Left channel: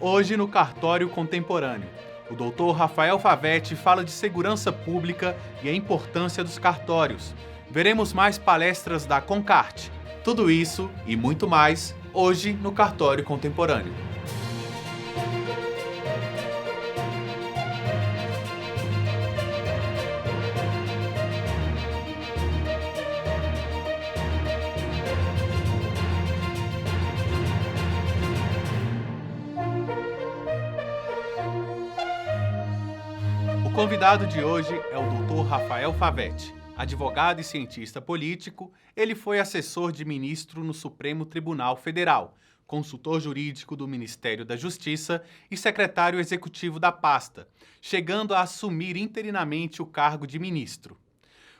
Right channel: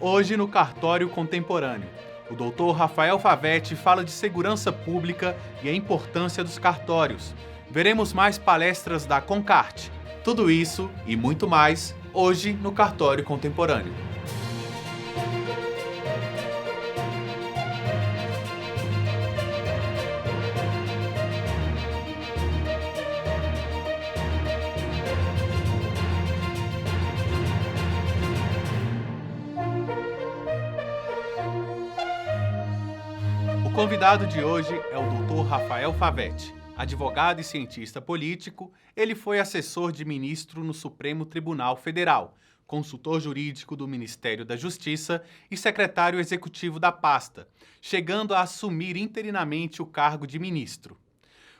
Hoje no Cartório Contemporâneo, o Dr. Rafael Favetti fala de segurança pública e a importância dos cartórios. Veremos mais palestras da Concarte. Tudo isso e muito mais hoje no Cartório Contemporâneo. O convidado de hoje é o Dr. Rafael Favetti. Advogado e cientista político, ele foi assessor de ministro no Supremo Tribunal Federal, consultor jurídico do Ministério da Justiça e secretário executivo da pasta, chegando a assumir interinamente o cargo de ministro.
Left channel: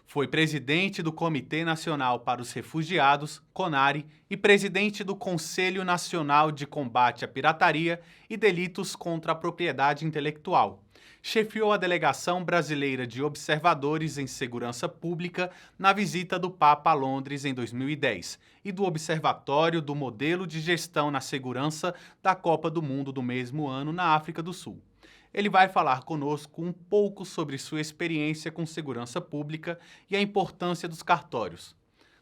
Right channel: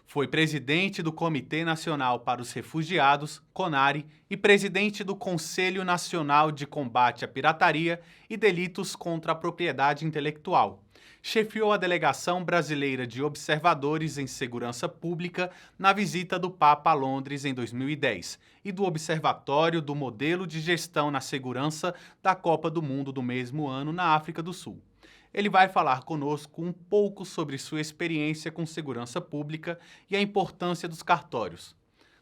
Foi presidente do Comitê Nacional para os Refugiados, CONARE, e presidente do Conselho Nacional de Combate à Pirataria e Delitos contra a Propriedade Intelectual. Chefiou a Delegação Brasileira de Observadores em Segurança Pública na visita do Papa a Londres em 2010 e do Observatório do Modelo de Gestão na Segurança da Copa do Mundo do mesmo ano na África do Sul. Ele vai falar conosco um pouco sobre sua experiência com segurança pública e a importância dos cartórios.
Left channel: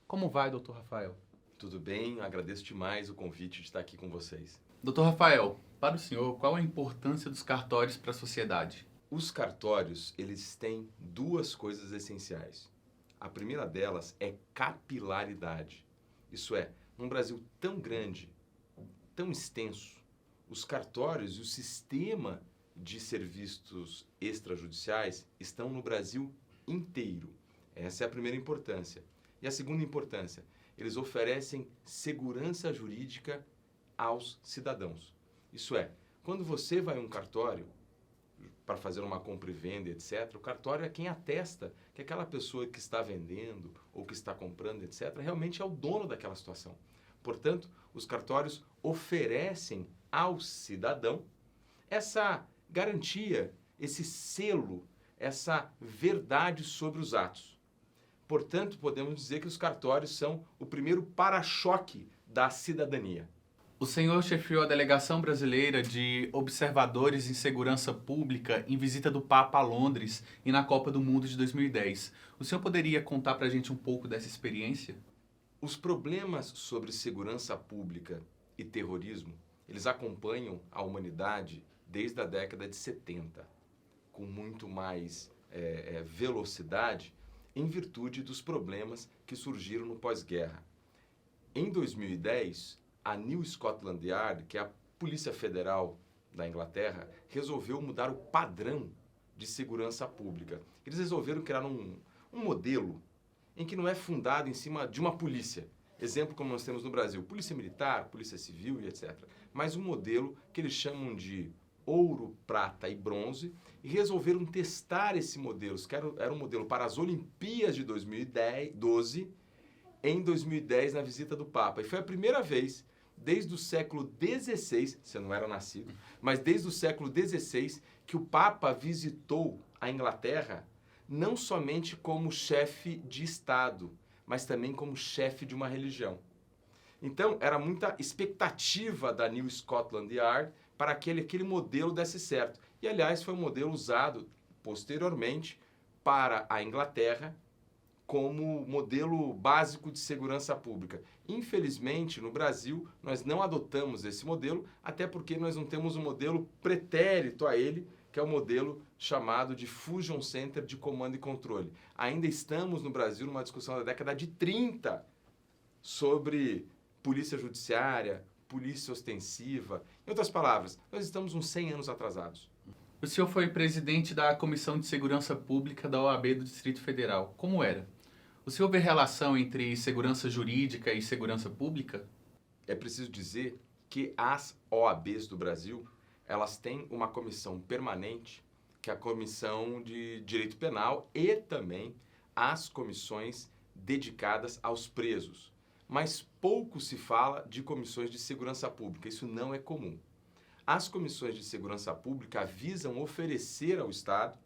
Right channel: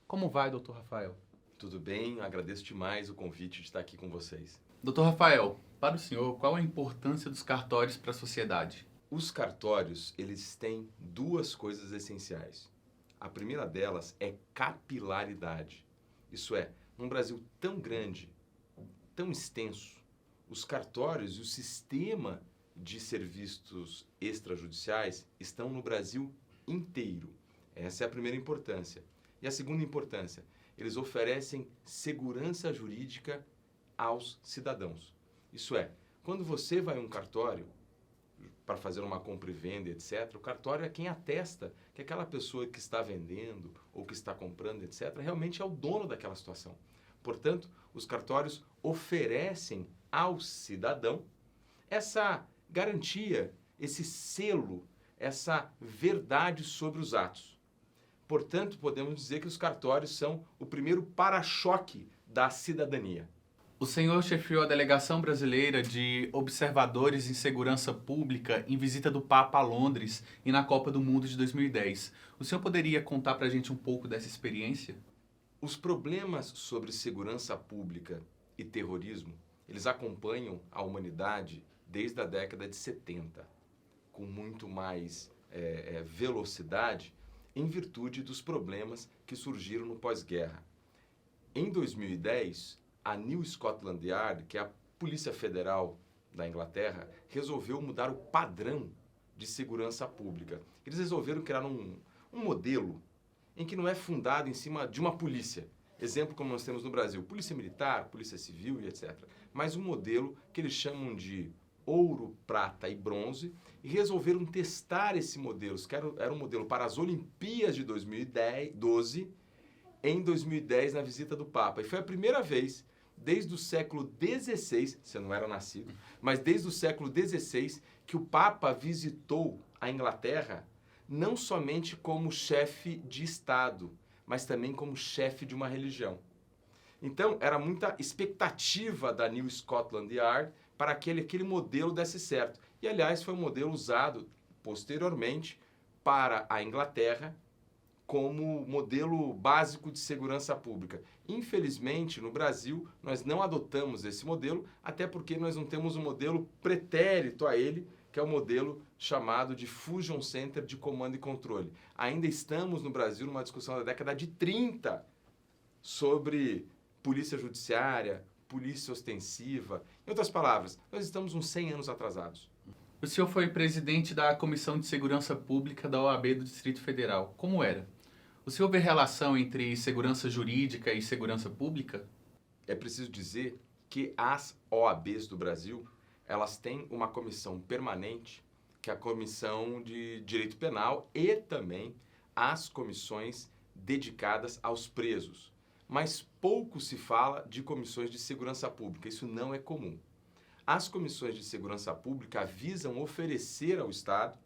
Como vai, doutor Rafael? Tudo bem, agradeço demais o convite de estar aqui com vocês. Doutor Rafael, para o senhor, qual a importância dos cartórios para a sociedade? Os cartórios, eles têm duas coisas essenciais. A primeira delas é capilaridade. Isso é, num Brasil tão grande, tão extenso, os cartórios e o sistema de serviços extrajudiciais estão no Brasil inteiro. Essa é a primeira importância. E a segunda importância, eles oferecem segurança jurídica aos cidadãos. Isso é, quando você vai a um cartório para fazer uma compra e venda, etc., o cartório é quem atesta que aquela pessoa que está vendendo ou que está comprando, etc., realmente é o dono daquela situação. Portanto, os cartórios oferecem ao cidadão essa garantia, esse selo, essa verdade sobre os atos. Portanto, podemos dizer que os cartórios são o primeiro para-choque da cidadania. O senhor chefiou a Delegação Brasileira de Observadores em Segurança Pública em visita do Papa a Londres e na Copa do Mundo de 2010. O senhor poderia contar para a gente um pouco dessa experiência? Os problemas sobre segurança pública e terrorismo, eles acompanham a humanidade desde a década de 70, com muito mais velocidade, em virtude dos problemas que surgiram no pós-guerra. Em 2010, a New Scotland Yard, que é a Polícia Federal da Inglaterra, resolveu mudar o padrão de segurança pública. Eles resolveram criar um modelo em que não é fundado em cima de uma polícia. Exemplo como nós temos no Brasil, polícia militar, polícia civil e etc. Mas um modelo que eles chamam de ouro, prata e bronze, e resolveram testar esse modelo, que era um modelo para as Olimpíadas de 2012, em 2010 na visita do Papa. E foi a primeira vez, desde o século XVI, você não era nascido, mas desde o século XVI, que o Papa visitou a Inglaterra não somente como chefe de Estado, mas também como chefe de uma religião. Então, era muita expectativa da New Scotland Yard para que aquele modelo desse certo. E, aliás, foi um modelo usado posteriormente para a Inglaterra como modelo básico de segurança pública. Infelizmente, no Brasil, nós não adotamos esse modelo, até porque nós não temos um modelo pretérito a ele, que é o modelo chamado de Fusion Center de Comando e Controle. Ainda estamos no Brasil numa discussão da década de 30 sobre polícia judiciária, polícia ostensiva. Em outras palavras, nós estamos uns 100 anos atrasados. O senhor foi presidente da Comissão de Segurança Pública da OAB do Distrito Federal. Como era? O senhor vê relação entre segurança jurídica e segurança pública? É preciso dizer que as OABs do Brasil, elas têm uma comissão permanente, que é a Comissão de Direito Penal e também as comissões dedicadas aos presos. Mas pouco se fala de comissões de segurança pública, isso não é comum. As comissões de segurança pública visam oferecer ao Estado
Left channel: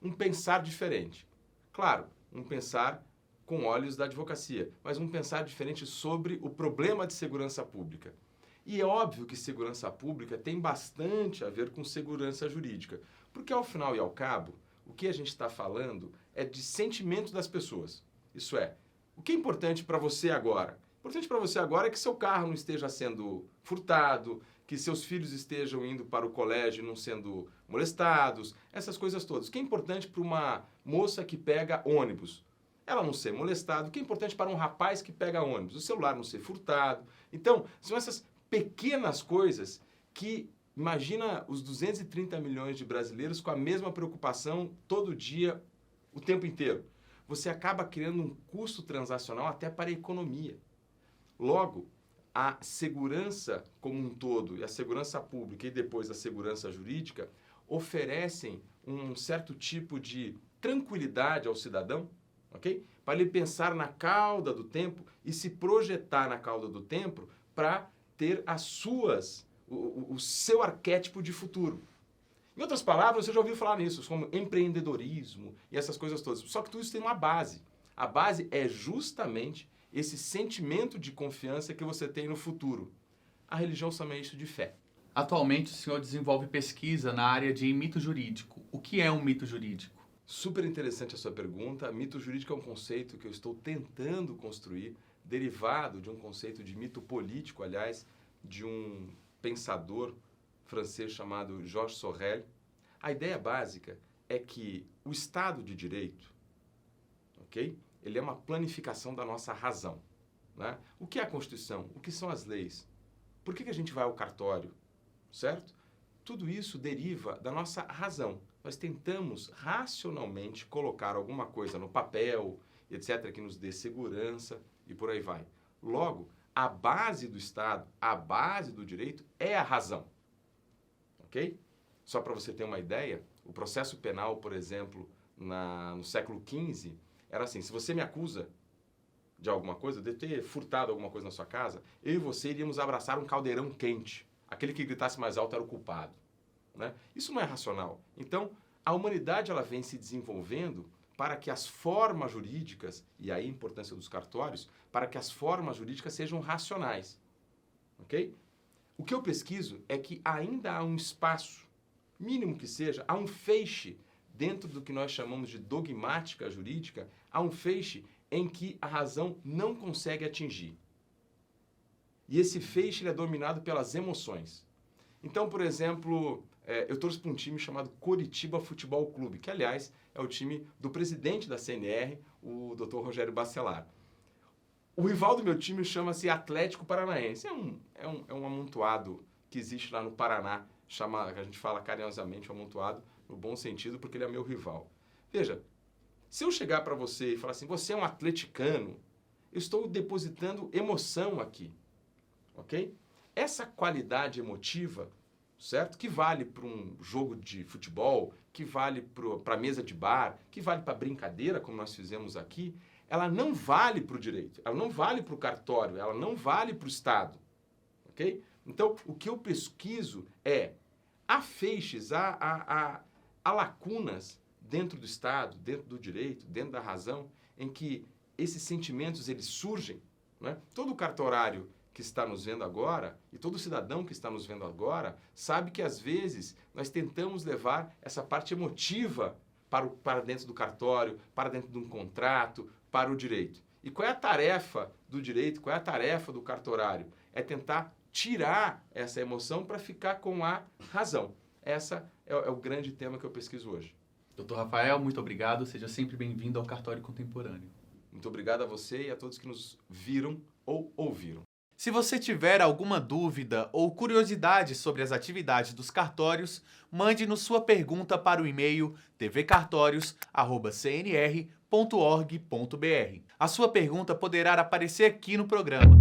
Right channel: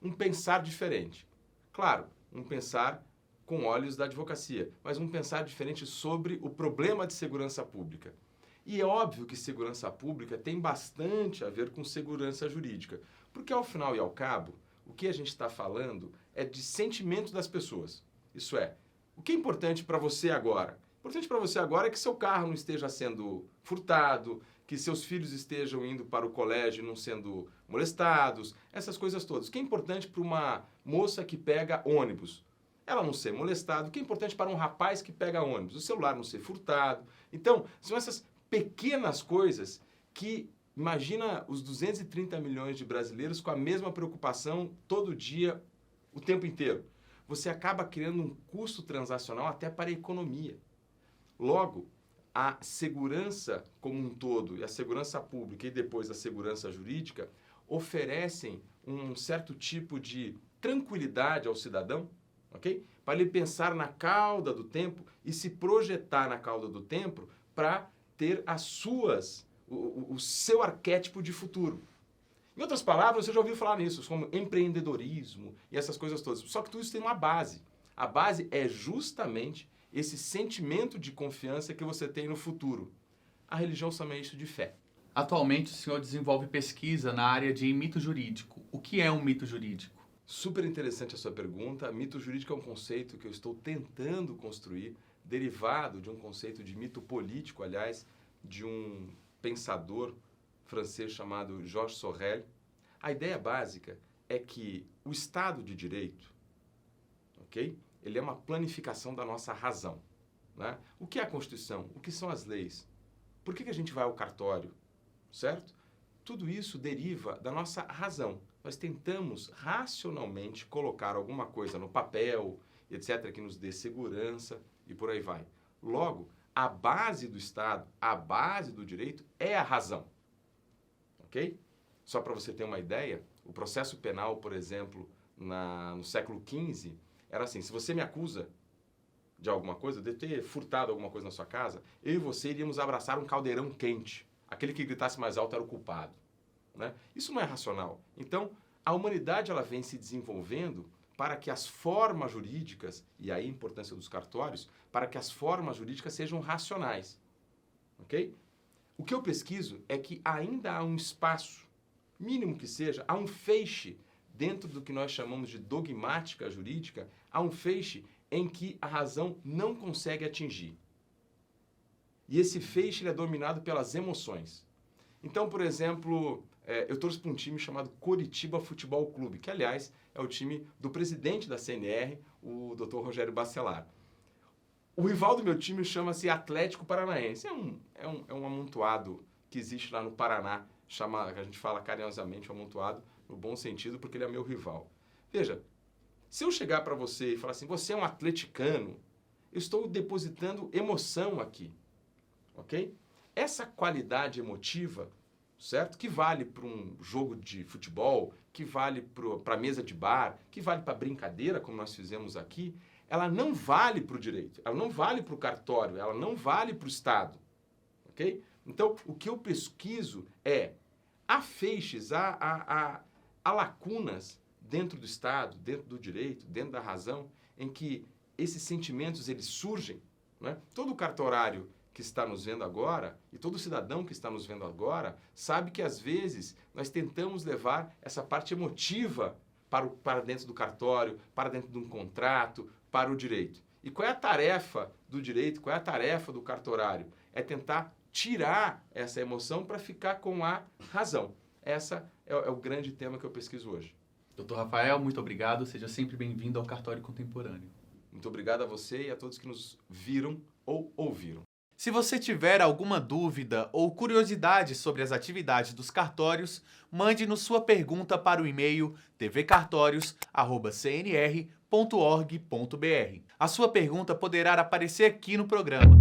um pensar diferente. Claro, um pensar com olhos da advocacia, mas um pensar diferente sobre o problema de segurança pública. E é óbvio que segurança pública tem bastante a ver com segurança jurídica, porque ao final e ao cabo, o que a gente está falando é de sentimento das pessoas. Isso é, o que é importante para você agora? Importante para você agora é que seu carro não esteja sendo furtado, que seus filhos estejam indo para o colégio e não sendo molestados, essas coisas todas. O que é importante para uma moça que pega ônibus? Ela não ser molestada. O que é importante para um rapaz que pega ônibus? O celular não ser furtado. Então, são essas pequenas coisas que, imagina os 230 milhões de brasileiros com a mesma preocupação todo dia, o tempo inteiro. Você acaba criando um custo transacional até para a economia. Logo, a segurança como um todo, e a segurança pública e depois a segurança jurídica, oferecem um certo tipo de tranquilidade ao cidadão, ok? Para ele pensar na cauda do tempo e se projetar na cauda do tempo para ter o seu arquétipo de futuro. Em outras palavras, você já ouviu falar nisso, como empreendedorismo e essas coisas todas. Só que tudo isso tem uma base. A base é justamente esse sentimento de confiança que você tem no futuro. A religião chama isso de fé. Atualmente, o senhor desenvolve pesquisa na área de mito jurídico. O que é um mito jurídico? Super interessante a sua pergunta. Mito jurídico é um conceito que eu estou tentando construir, derivado de um conceito de mito político, aliás, de um pensador francês chamado Georges Sorel. A ideia básica é que o Estado de Direito, ok? Ele é uma planificação da nossa razão, né? O que é a Constituição? O que são as leis? Por que a gente vai ao cartório? Certo? Tudo isso deriva da nossa razão. Nós tentamos racionalmente colocar alguma coisa no papel, etc., que nos dê segurança e por aí vai. Logo, a base do Estado, a base do direito é a razão. Ok? Só para você ter uma ideia, o processo penal, por exemplo, no século XV, era assim: se você me acusa de alguma coisa, de ter furtado alguma coisa na sua casa, eu e você iríamos abraçar um caldeirão quente. Aquele que gritasse mais alto era o culpado, né? Isso não é racional. Então, a humanidade ela vem se desenvolvendo para que as formas jurídicas, e aí a importância dos cartórios, para que as formas jurídicas sejam racionais. Ok? O que eu pesquiso é que ainda há um espaço, mínimo que seja, há um feixe dentro do que nós chamamos de dogmática jurídica, há um feixe em que a razão não consegue atingir. E esse feixe ele é dominado pelas emoções. Então, por exemplo, eu torço para um time chamado Coritiba Futebol Clube, que, aliás, é o time do presidente da CNR, o Dr. Rogério Bacelar. O rival do meu time chama-se Atlético Paranaense. É um amontoado que existe lá no Paraná, que a gente fala carinhosamente um amontoado, no bom sentido, porque ele é meu rival. Veja, se eu chegar para você e falar assim, você é um atleticano, eu estou depositando emoção aqui, ok? Essa qualidade emotiva, certo? Que vale para um jogo de futebol, que vale para a mesa de bar, que vale para brincadeira, como nós fizemos aqui, ela não vale para o direito, ela não vale para o cartório, ela não vale para o Estado, ok? Então, o que eu pesquiso é, há feixes, há lacunas dentro do Estado, dentro do direito, dentro da razão, em que esses sentimentos eles surgem, né? Todo cartorário que está nos vendo agora, e todo cidadão que está nos vendo agora, sabe que às vezes nós tentamos levar essa parte emotiva para dentro do cartório, para dentro de um contrato, para o direito. E qual é a tarefa do direito, qual é a tarefa do cartorário? É tentar tirar essa emoção para ficar com a razão. Essa é o grande tema que eu pesquiso hoje. Dr. Rafael, muito obrigado. Seja sempre bem-vindo ao Cartório Contemporâneo. Muito obrigado a você e a todos que nos viram ou ouviram. Se você tiver alguma dúvida ou curiosidade sobre as atividades dos cartórios, mande-nos sua pergunta para o e-mail tvcartorios@cnr.org.br. A sua pergunta poderá aparecer aqui no programa.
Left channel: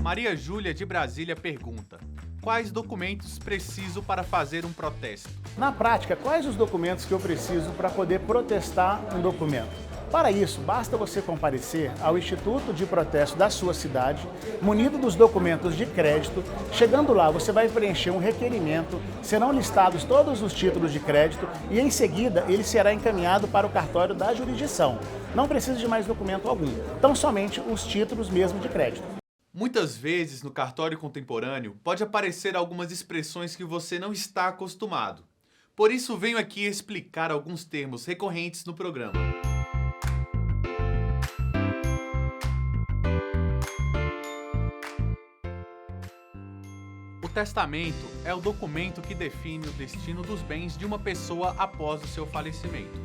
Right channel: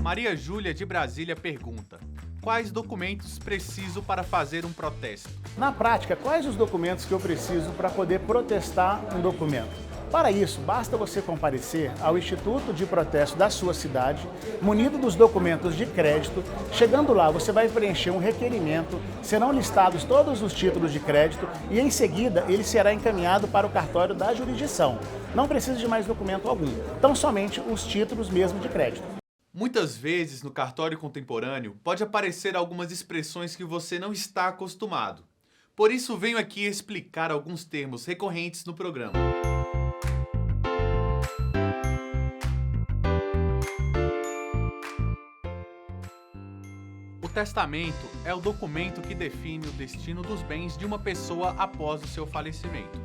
Maria Júlia de Brasília pergunta: Quais documentos preciso para fazer um protesto? Na prática, quais os documentos que eu preciso para poder protestar um documento? Para isso, basta você comparecer ao Instituto de Protesto da sua cidade, munido dos documentos de crédito. Chegando lá, você vai preencher um requerimento, serão listados todos os títulos de crédito e, em seguida, ele será encaminhado para o cartório da jurisdição. Não precisa de mais documento algum, tão somente os títulos mesmo de crédito. Muitas vezes, no cartório contemporâneo, pode aparecer algumas expressões que você não está acostumado. Por isso, venho aqui explicar alguns termos recorrentes no programa. O testamento é o documento que define o destino dos bens de uma pessoa após o seu falecimento.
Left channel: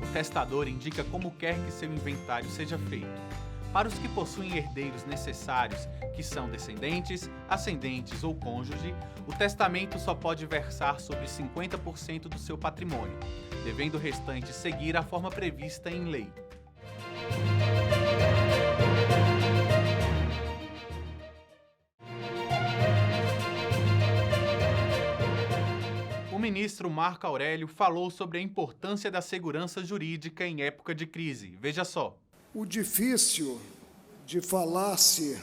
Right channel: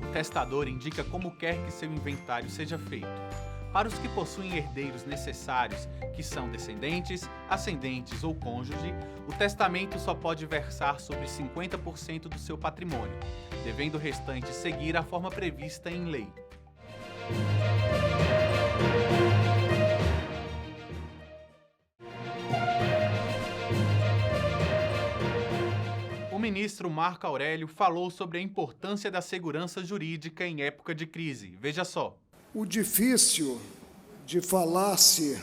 O testador indica como quer que seu inventário seja feito. Para os que possuem herdeiros necessários, que são descendentes, ascendentes ou cônjuge, o testamento só pode versar sobre 50% do seu patrimônio, devendo o restante seguir a forma prevista em lei. O ministro Marco Aurélio falou sobre a importância da segurança jurídica em época de crise. Veja só. O difícil de falar-se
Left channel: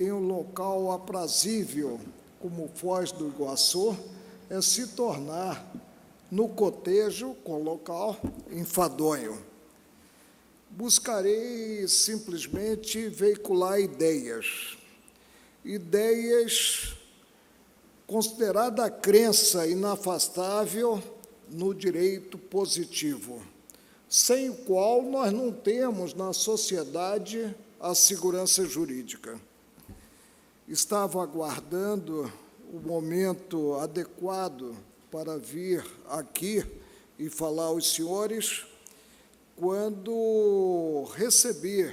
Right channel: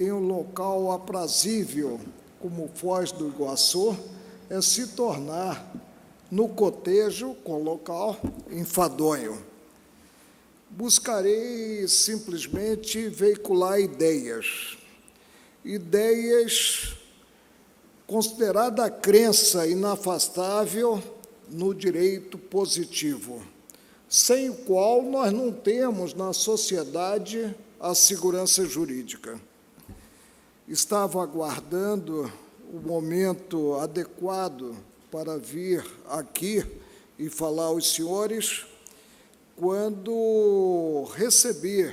em um local aprazível como Foz do Iguaçu é se tornar, no cotejo com o local, enfadonho. Buscarei simplesmente veicular ideias considerada a crença inafastável no direito positivo, sem o qual nós não temos na sociedade a segurança jurídica. Estava aguardando o momento adequado para vir aqui e falar aos senhores, quando recebi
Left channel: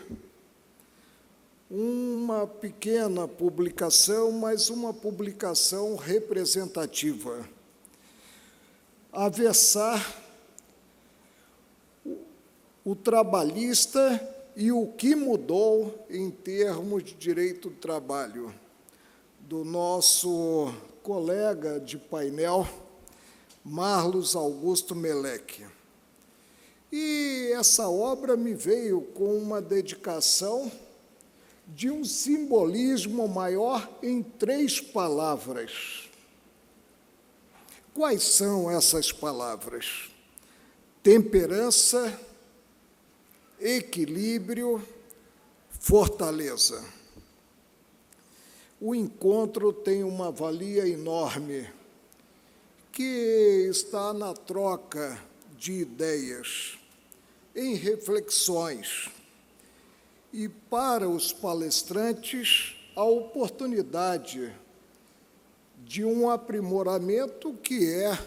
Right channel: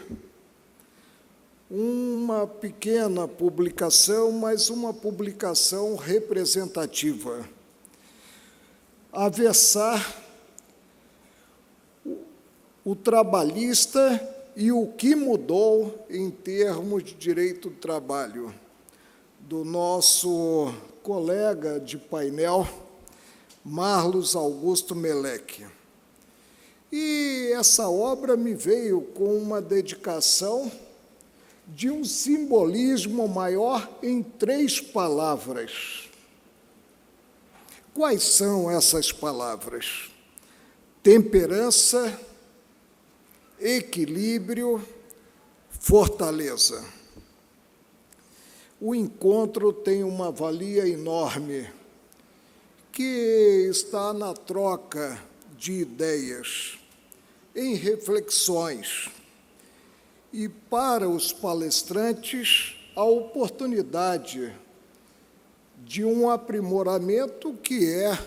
uma pequena publicação, mas uma publicação representativa, a versar o trabalhista e o que mudou em termos de direito do trabalho, do nosso colega de painel, Marlos Augusto Meleque. E essa obra me veio com uma dedicação de um simbolismo maior em 3 palavras. Quais são essas palavras? Temperança, equilíbrio, fortaleza. O encontro tem uma valia enorme, que está na troca de ideias, em reflexões, e para os palestrantes a oportunidade de um aprimoramento que é,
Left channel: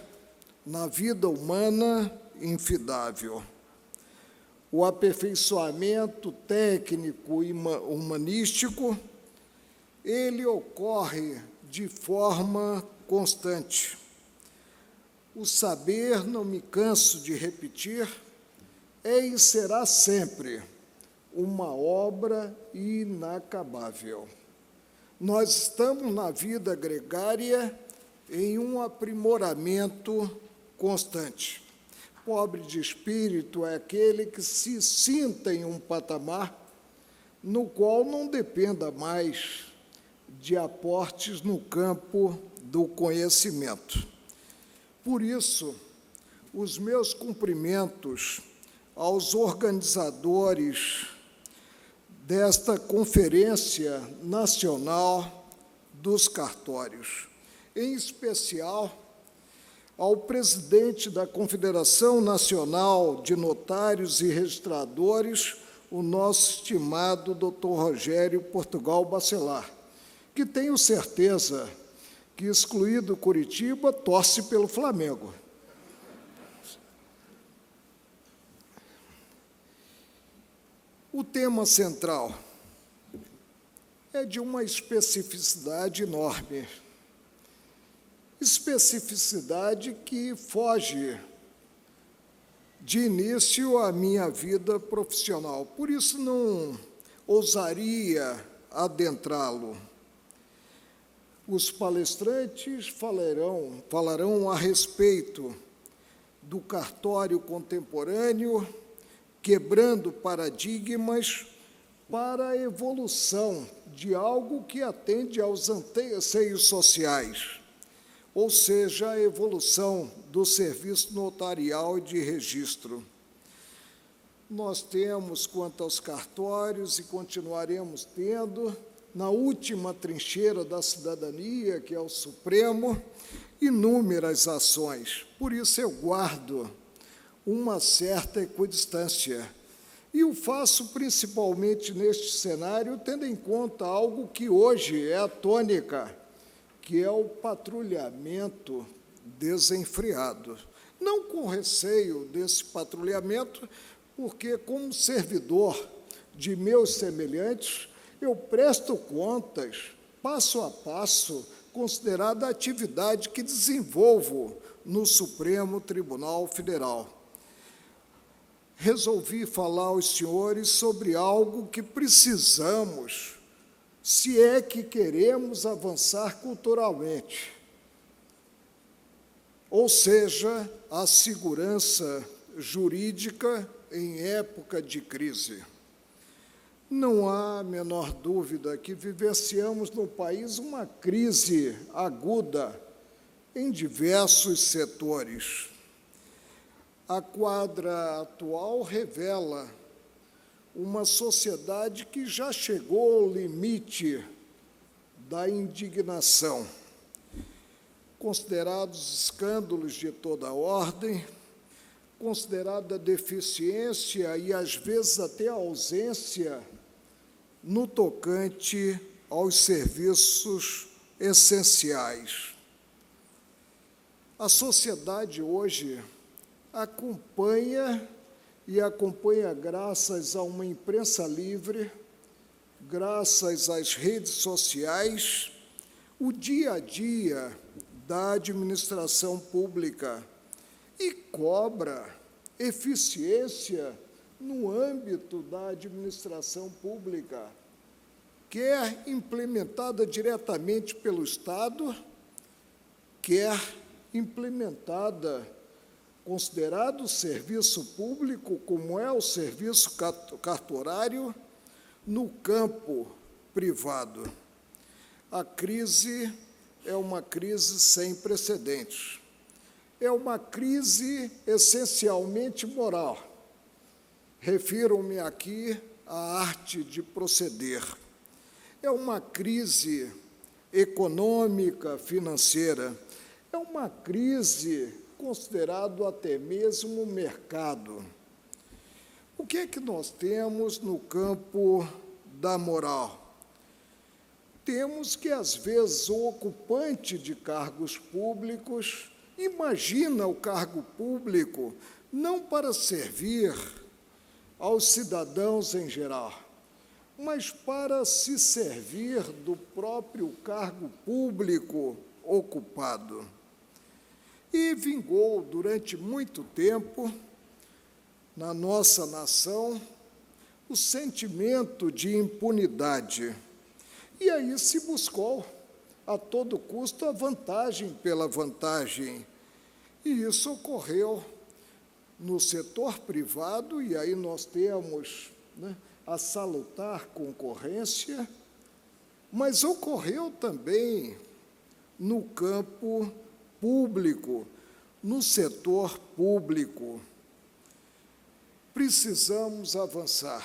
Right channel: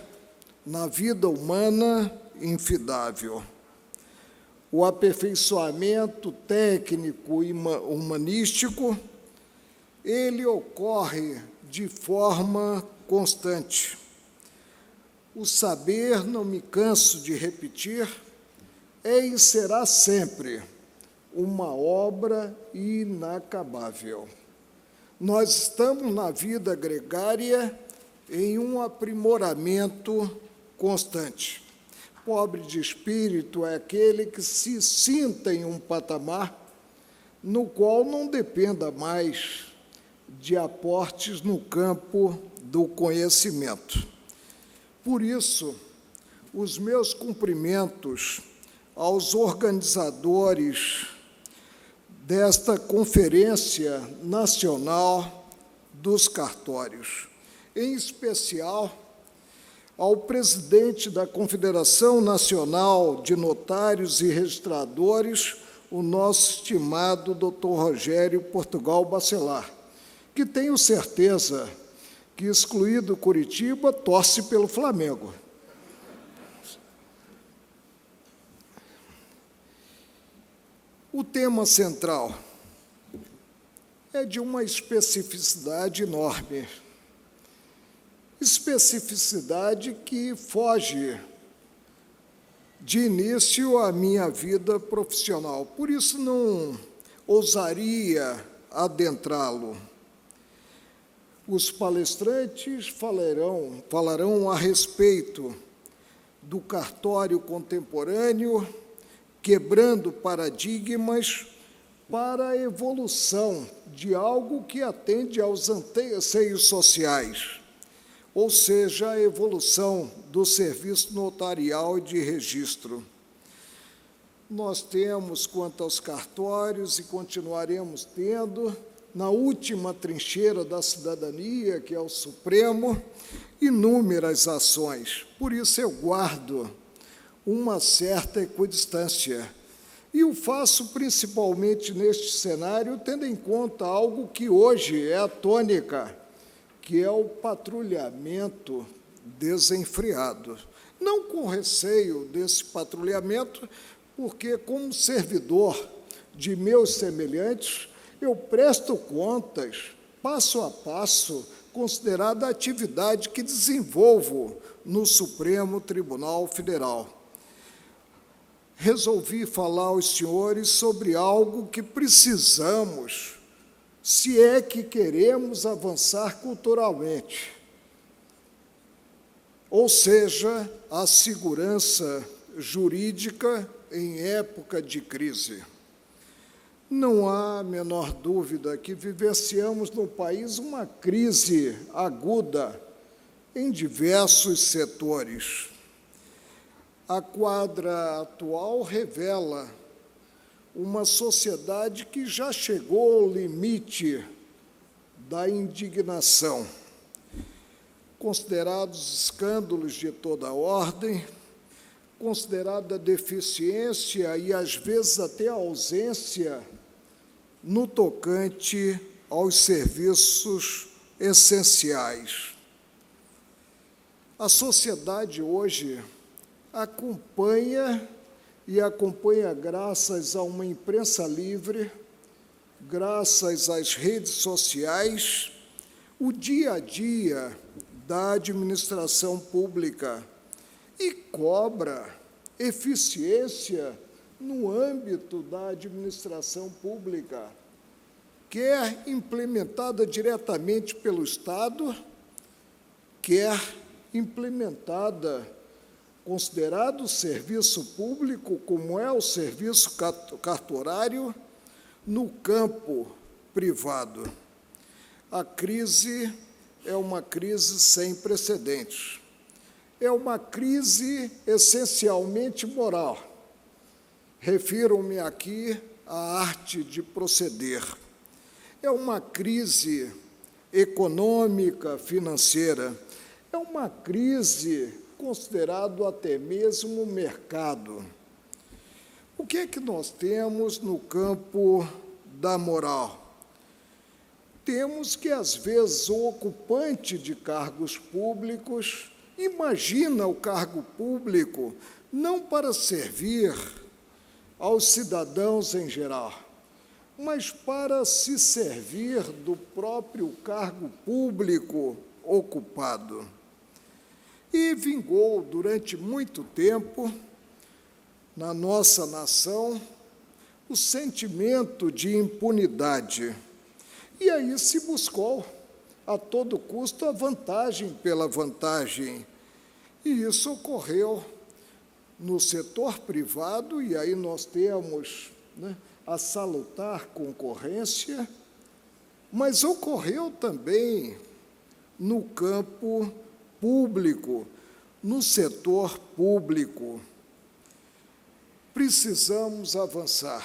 na vida humana, infidável. O aperfeiçoamento técnico e humanístico, ele ocorre de forma constante. O saber, não me canso de repetir, é e será sempre uma obra inacabável. Nós estamos na vida gregária em um aprimoramento constante. Pobre de espírito é aquele que se sinta em um patamar no qual não dependa mais de aportes no campo do conhecimento. Por isso, os meus cumprimentos aos organizadores desta Conferência Nacional dos Cartórios, em especial ao presidente da Confederação Nacional de Notários e Registradores, o nosso estimado Dr. Rogério Portugal Bacelar, que tenho certeza que, excluído Curitiba, torce pelo Flamengo. O tema central é de uma especificidade enorme, especificidade que foge de início à minha vida profissional, por isso não ousaria adentrá-lo. Os palestrantes falarão a respeito do cartório contemporâneo, quebrando paradigmas para a evolução de algo que atende aos anseios sociais, ou seja, a evolução do serviço notarial e de registro. Nós temos, quanto aos cartórios, e continuaremos tendo, na última trincheira da cidadania, que é o Supremo, inúmeras ações. Por isso eu guardo uma certa equidistância. E o faço principalmente neste cenário, tendo em conta algo que hoje é a tônica, que é o patrulhamento desenfreado. Não com receio desse patrulhamento, porque, como servidor de meus semelhantes, eu presto contas, passo a passo, considerada a atividade que desenvolvo no Supremo Tribunal Federal. Resolvi falar aos senhores sobre algo que precisamos, se é que queremos avançar culturalmente, ou seja, a segurança jurídica em época de crise. Não há a menor dúvida que vivenciamos no país uma crise aguda em diversos setores. A quadra atual revela uma sociedade que já chegou ao limite da indignação. Considerados escândalos de toda ordem, considerada deficiência e, às vezes, até ausência no tocante aos serviços essenciais. A sociedade hoje acompanha graças a uma imprensa livre, graças às redes sociais, o dia a dia da administração pública e cobra eficiência no âmbito da administração pública, quer implementada diretamente pelo Estado, quer implementada, considerado o serviço público, como é o serviço cartorário, no campo privado. A crise é uma crise sem precedentes. É uma crise essencialmente moral. Refiro-me aqui à arte de proceder. É uma crise econômica, financeira. É uma crise considerado até mesmo o mercado. O que é que nós temos no campo da moral? Temos que, às vezes, o ocupante de cargos públicos imagina o cargo público não para servir aos cidadãos em geral, mas para se servir do próprio cargo público ocupado. E vingou durante muito tempo, na nossa nação, o sentimento de impunidade. E aí se buscou, a todo custo, a vantagem pela vantagem. E isso ocorreu no setor privado, e aí nós temos, a salutar concorrência, mas ocorreu também no campo público, no setor público. Precisamos avançar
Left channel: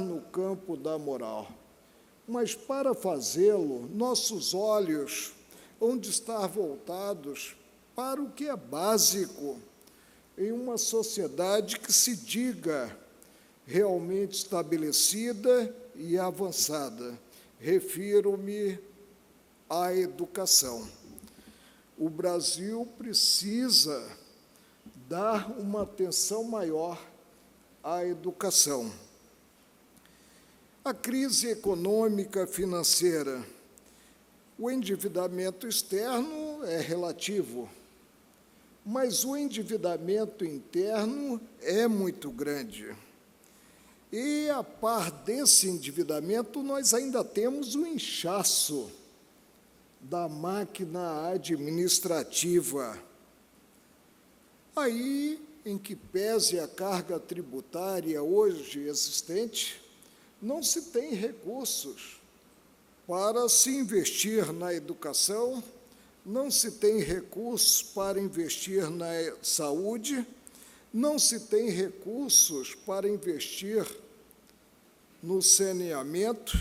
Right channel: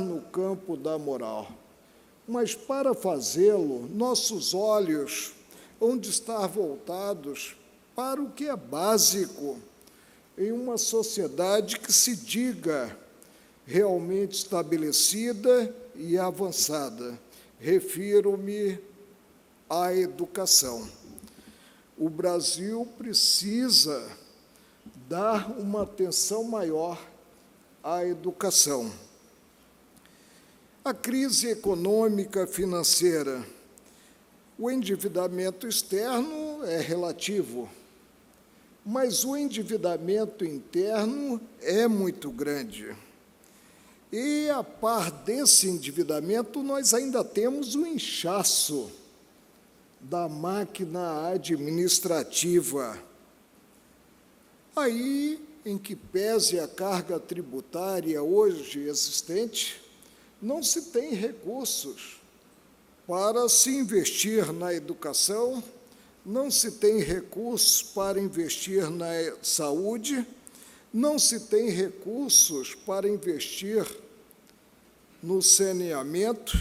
no campo da moral, mas para fazê-lo, nossos olhos hão de estar voltados para o que é básico em uma sociedade que se diga realmente estabelecida e avançada. Refiro-me à educação. O Brasil precisa dar uma atenção maior à educação. A crise econômica financeira, o endividamento externo é relativo, mas o endividamento interno é muito grande. E, a par desse endividamento, nós ainda temos o inchaço da máquina administrativa. Aí, em que pese a carga tributária hoje existente, não se tem recursos para se investir na educação, não se tem recursos para investir na saúde, não se tem recursos para investir no saneamento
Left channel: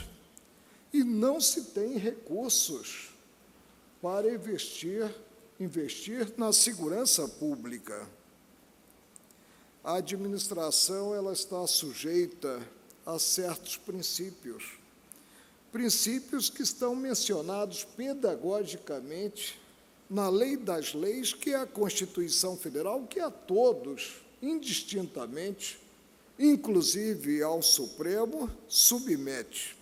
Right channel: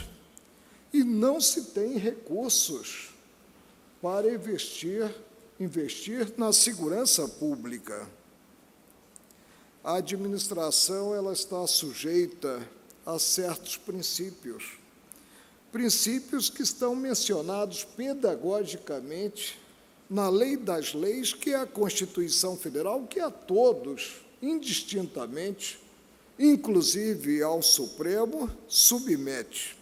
e não se tem recursos para investir na segurança pública. A administração ela está sujeita a certos princípios que estão mencionados pedagogicamente na Lei das Leis, que é a Constituição Federal, que a todos, indistintamente, inclusive ao Supremo, submete.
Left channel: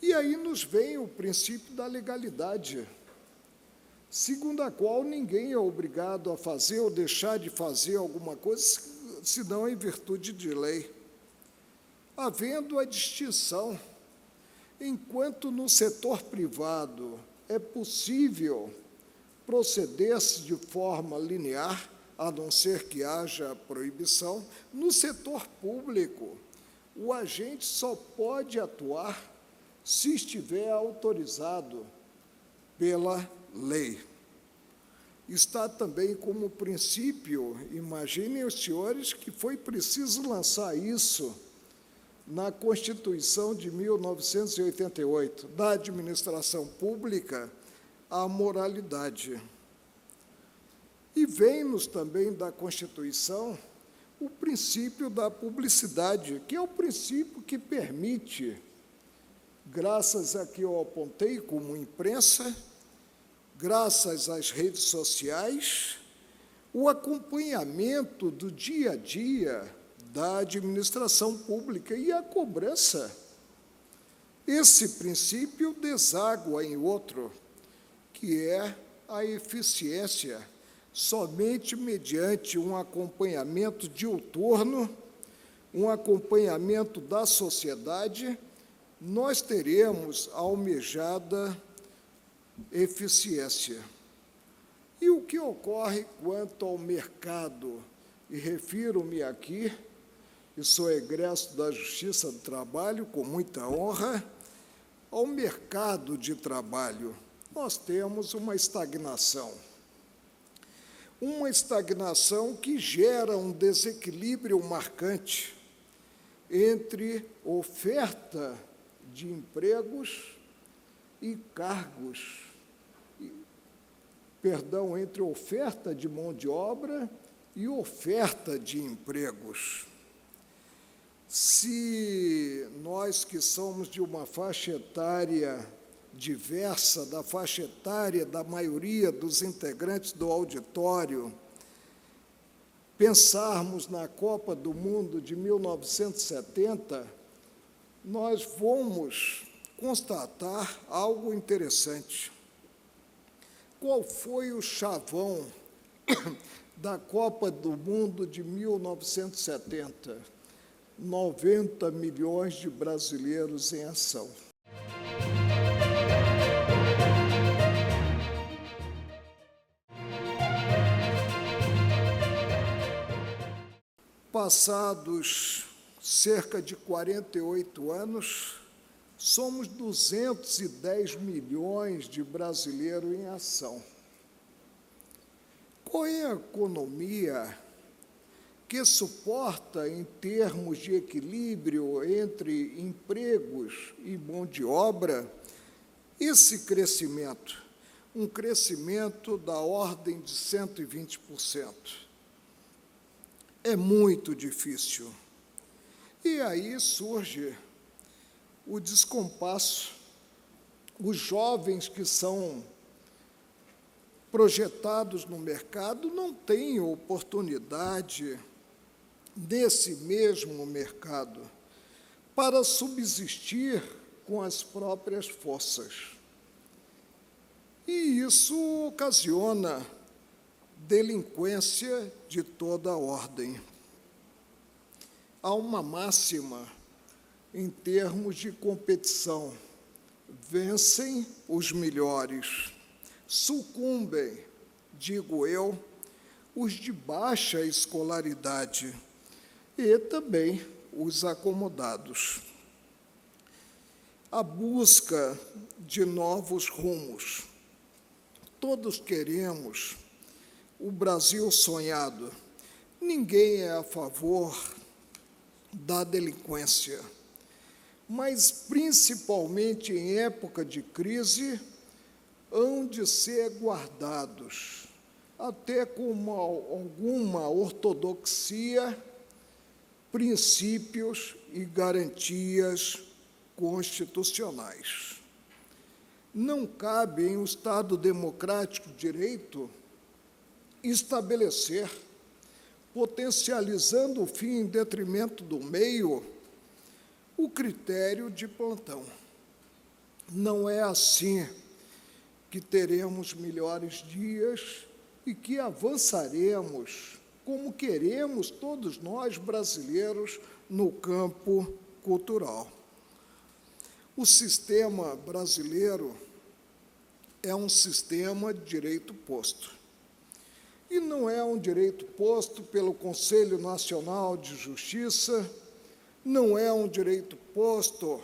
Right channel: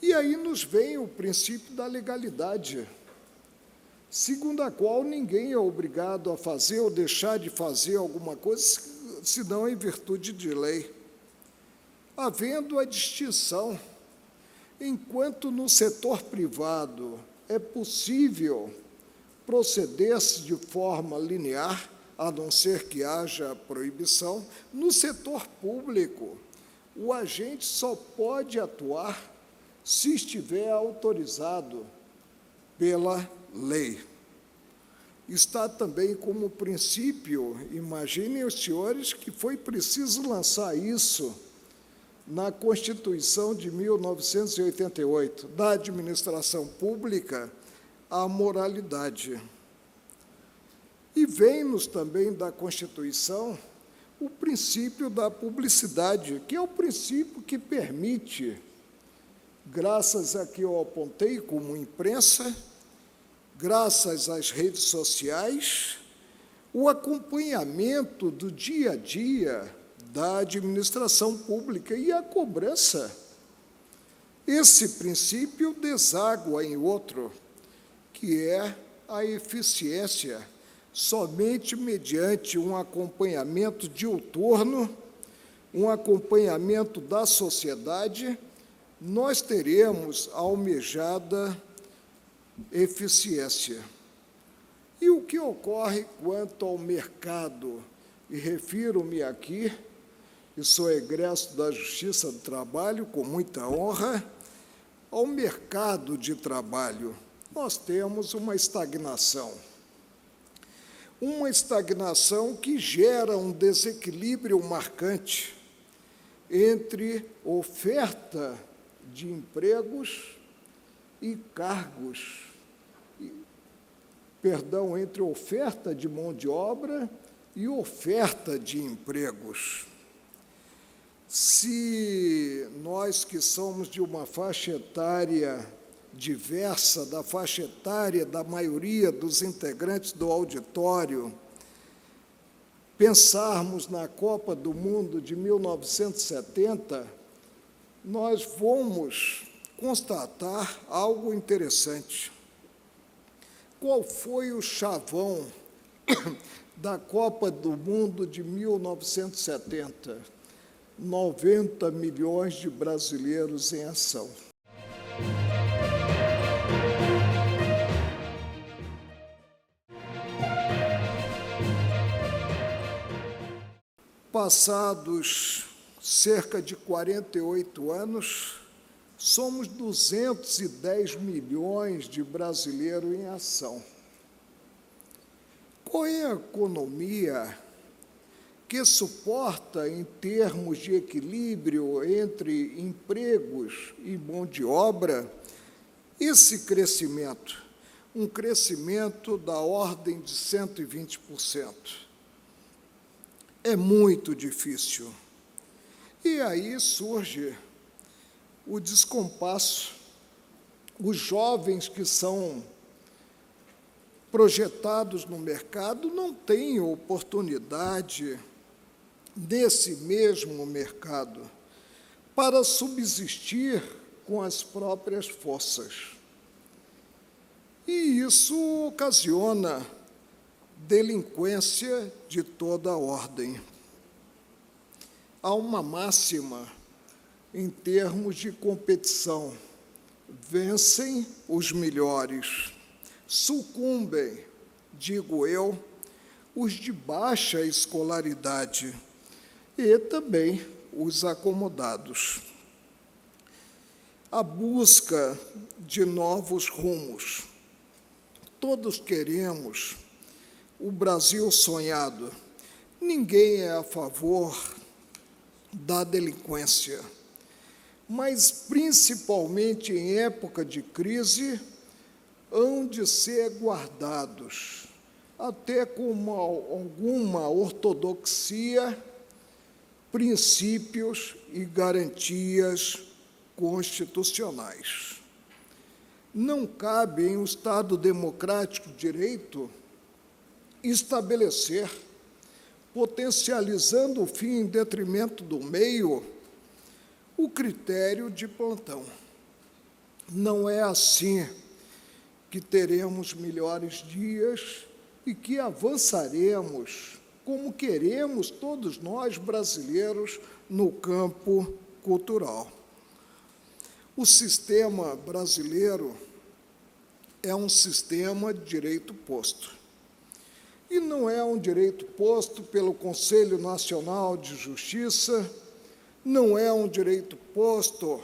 E aí nos vem o princípio da legalidade, segundo a qual ninguém é obrigado a fazer ou deixar de fazer alguma coisa, senão em virtude de lei. Havendo a distinção, enquanto no setor privado é possível proceder-se de forma linear, a não ser que haja proibição, no setor público, o agente só pode atuar se estiver autorizado pela lei. Está também como princípio, imaginem os senhores, que foi preciso lançar isso na Constituição de 1988, da administração pública, a moralidade. E vem-nos também da Constituição o princípio da publicidade, que é o princípio que permite, graças a que eu apontei como imprensa, graças às redes sociais, o acompanhamento do dia a dia da administração pública e a cobrança. Esse princípio deságua em outro, que é a eficiência. Somente mediante um acompanhamento diuturno, um acompanhamento da sociedade, nós teremos a almejada eficiência. E o que ocorre quanto ao mercado? E refiro-me aqui, e sou egresso da Justiça do Trabalho, com muita honra, ao mercado de trabalho. Nós temos uma estagnação que gera um desequilíbrio marcante entre oferta de empregos e cargos, entre oferta de mão de obra e oferta de empregos. Se nós que somos de uma faixa etária diversa da faixa etária da maioria dos integrantes do auditório, pensarmos na Copa do Mundo de 1970, nós vamos constatar algo interessante. Qual foi o chavão da Copa do Mundo de 1970? 90 milhões de brasileiros em ação. Passados cerca de 48 anos, somos 210 milhões de brasileiros em ação. Qual é a economia que suporta, em termos de equilíbrio entre empregos e mão de obra, esse crescimento? Um crescimento da ordem de 120%. É muito difícil. E aí surge o descompasso. Os jovens que são projetados no mercado não têm oportunidade nesse mesmo mercado para subsistir com as próprias forças. E isso ocasiona delinquência de toda a ordem. Há uma máxima em termos de competição: vencem os melhores, sucumbem, digo eu, os de baixa escolaridade e também os acomodados. A busca de novos rumos. Todos queremos o Brasil sonhado. Ninguém é a favor da delinquência, mas, principalmente em época de crise, hão de ser guardados, até com alguma ortodoxia, princípios e garantias constitucionais. Não cabe em um Estado democrático de direito estabelecer, potencializando o fim em detrimento do meio, o critério de plantão. Não é assim que teremos melhores dias e que avançaremos, como queremos todos nós brasileiros, no campo cultural. O sistema brasileiro é um sistema de direito posto. E não é um direito posto pelo Conselho Nacional de Justiça, não é um direito posto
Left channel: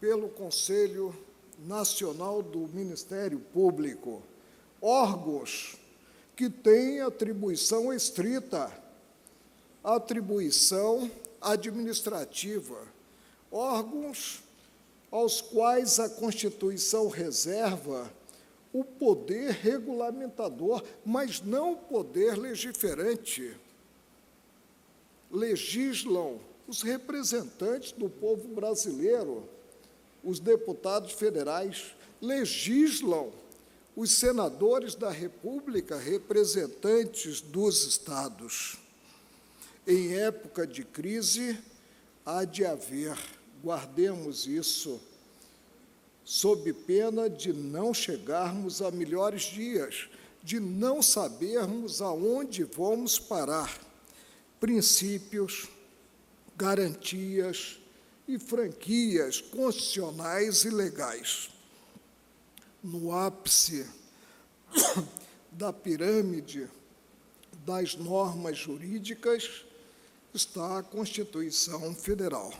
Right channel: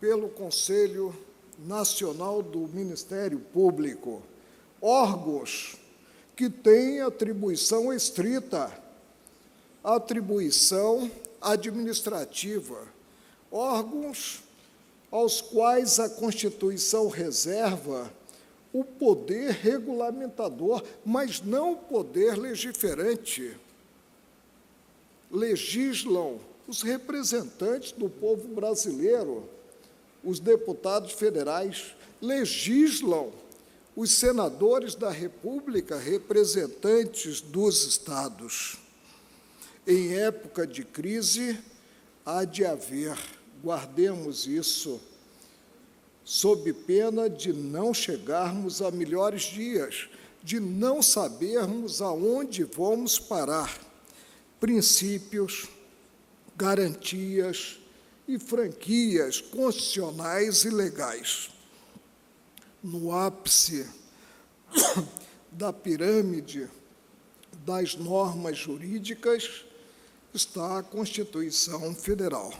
pelo Conselho Nacional do Ministério Público, órgãos que têm atribuição estrita, atribuição administrativa, órgãos aos quais a Constituição reserva o poder regulamentador, mas não o poder legiferante. Legislam os representantes do povo brasileiro, os deputados federais, legislam os senadores da República, representantes dos estados. Em época de crise, há de haver, guardemos isso, sob pena de não chegarmos a melhores dias, de não sabermos aonde vamos parar, princípios, garantias e franquias constitucionais e legais. No ápice da pirâmide das normas jurídicas está a Constituição Federal.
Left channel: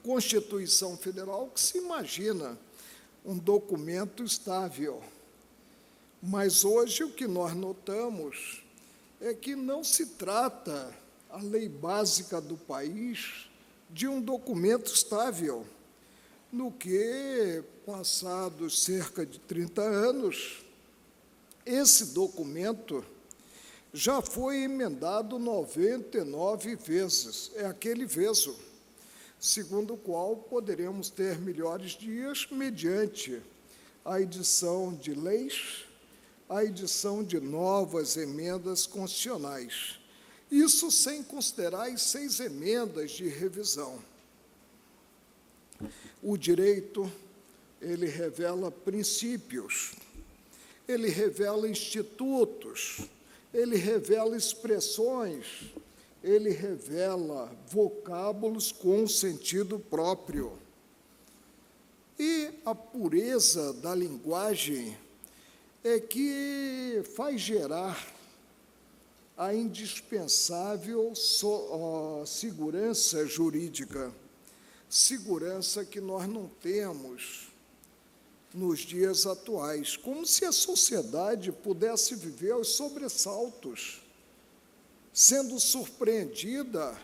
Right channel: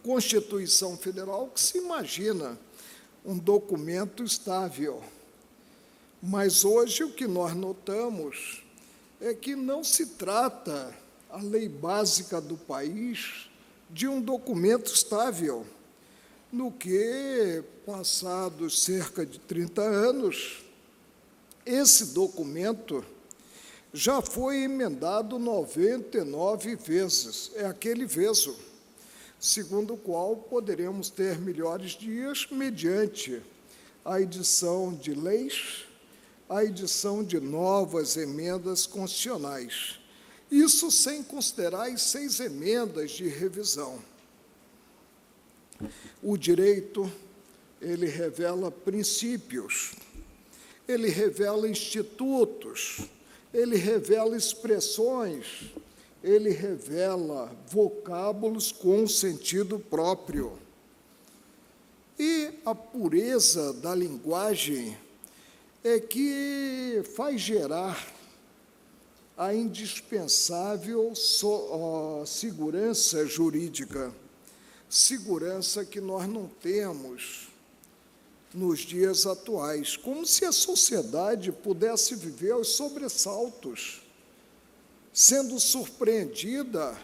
Constituição Federal que se imagina um documento estável, mas hoje o que nós notamos é que não se trata a lei básica do país de um documento estável, no que, passados cerca de 30 anos, esse documento já foi emendado 99 vezes, é aquele veso, segundo o qual poderemos ter melhores dias mediante a edição de leis, a edição de novas emendas constitucionais. Isso sem considerar as 6 emendas de revisão. O direito, ele revela princípios, ele revela institutos, ele revela expressões, ele revela vocábulos com sentido próprio. E a pureza da linguagem é que faz gerar a indispensável segurança jurídica, segurança que nós não temos nos dias atuais, como se a sociedade pudesse viver aos sobressaltos, sendo surpreendida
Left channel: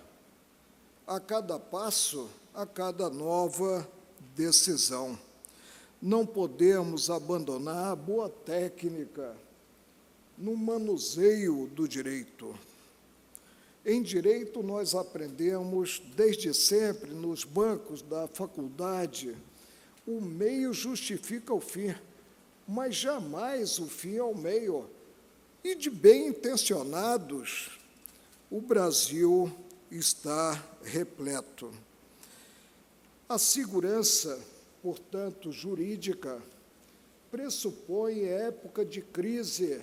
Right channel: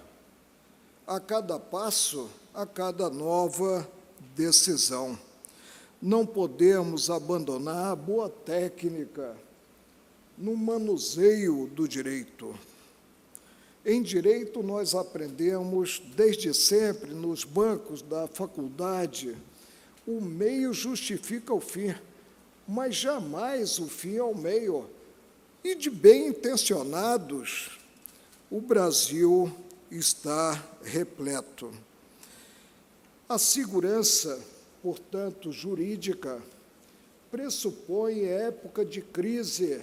a cada passo, a cada nova decisão. Não podemos abandonar a boa técnica no manuseio do direito. Em direito, nós aprendemos, desde sempre, nos bancos da faculdade, o meio justifica o fim, mas jamais o fim é o meio. E de bem-intencionados, o Brasil está repleto. A segurança, portanto, jurídica, pressupõe, em época de crise,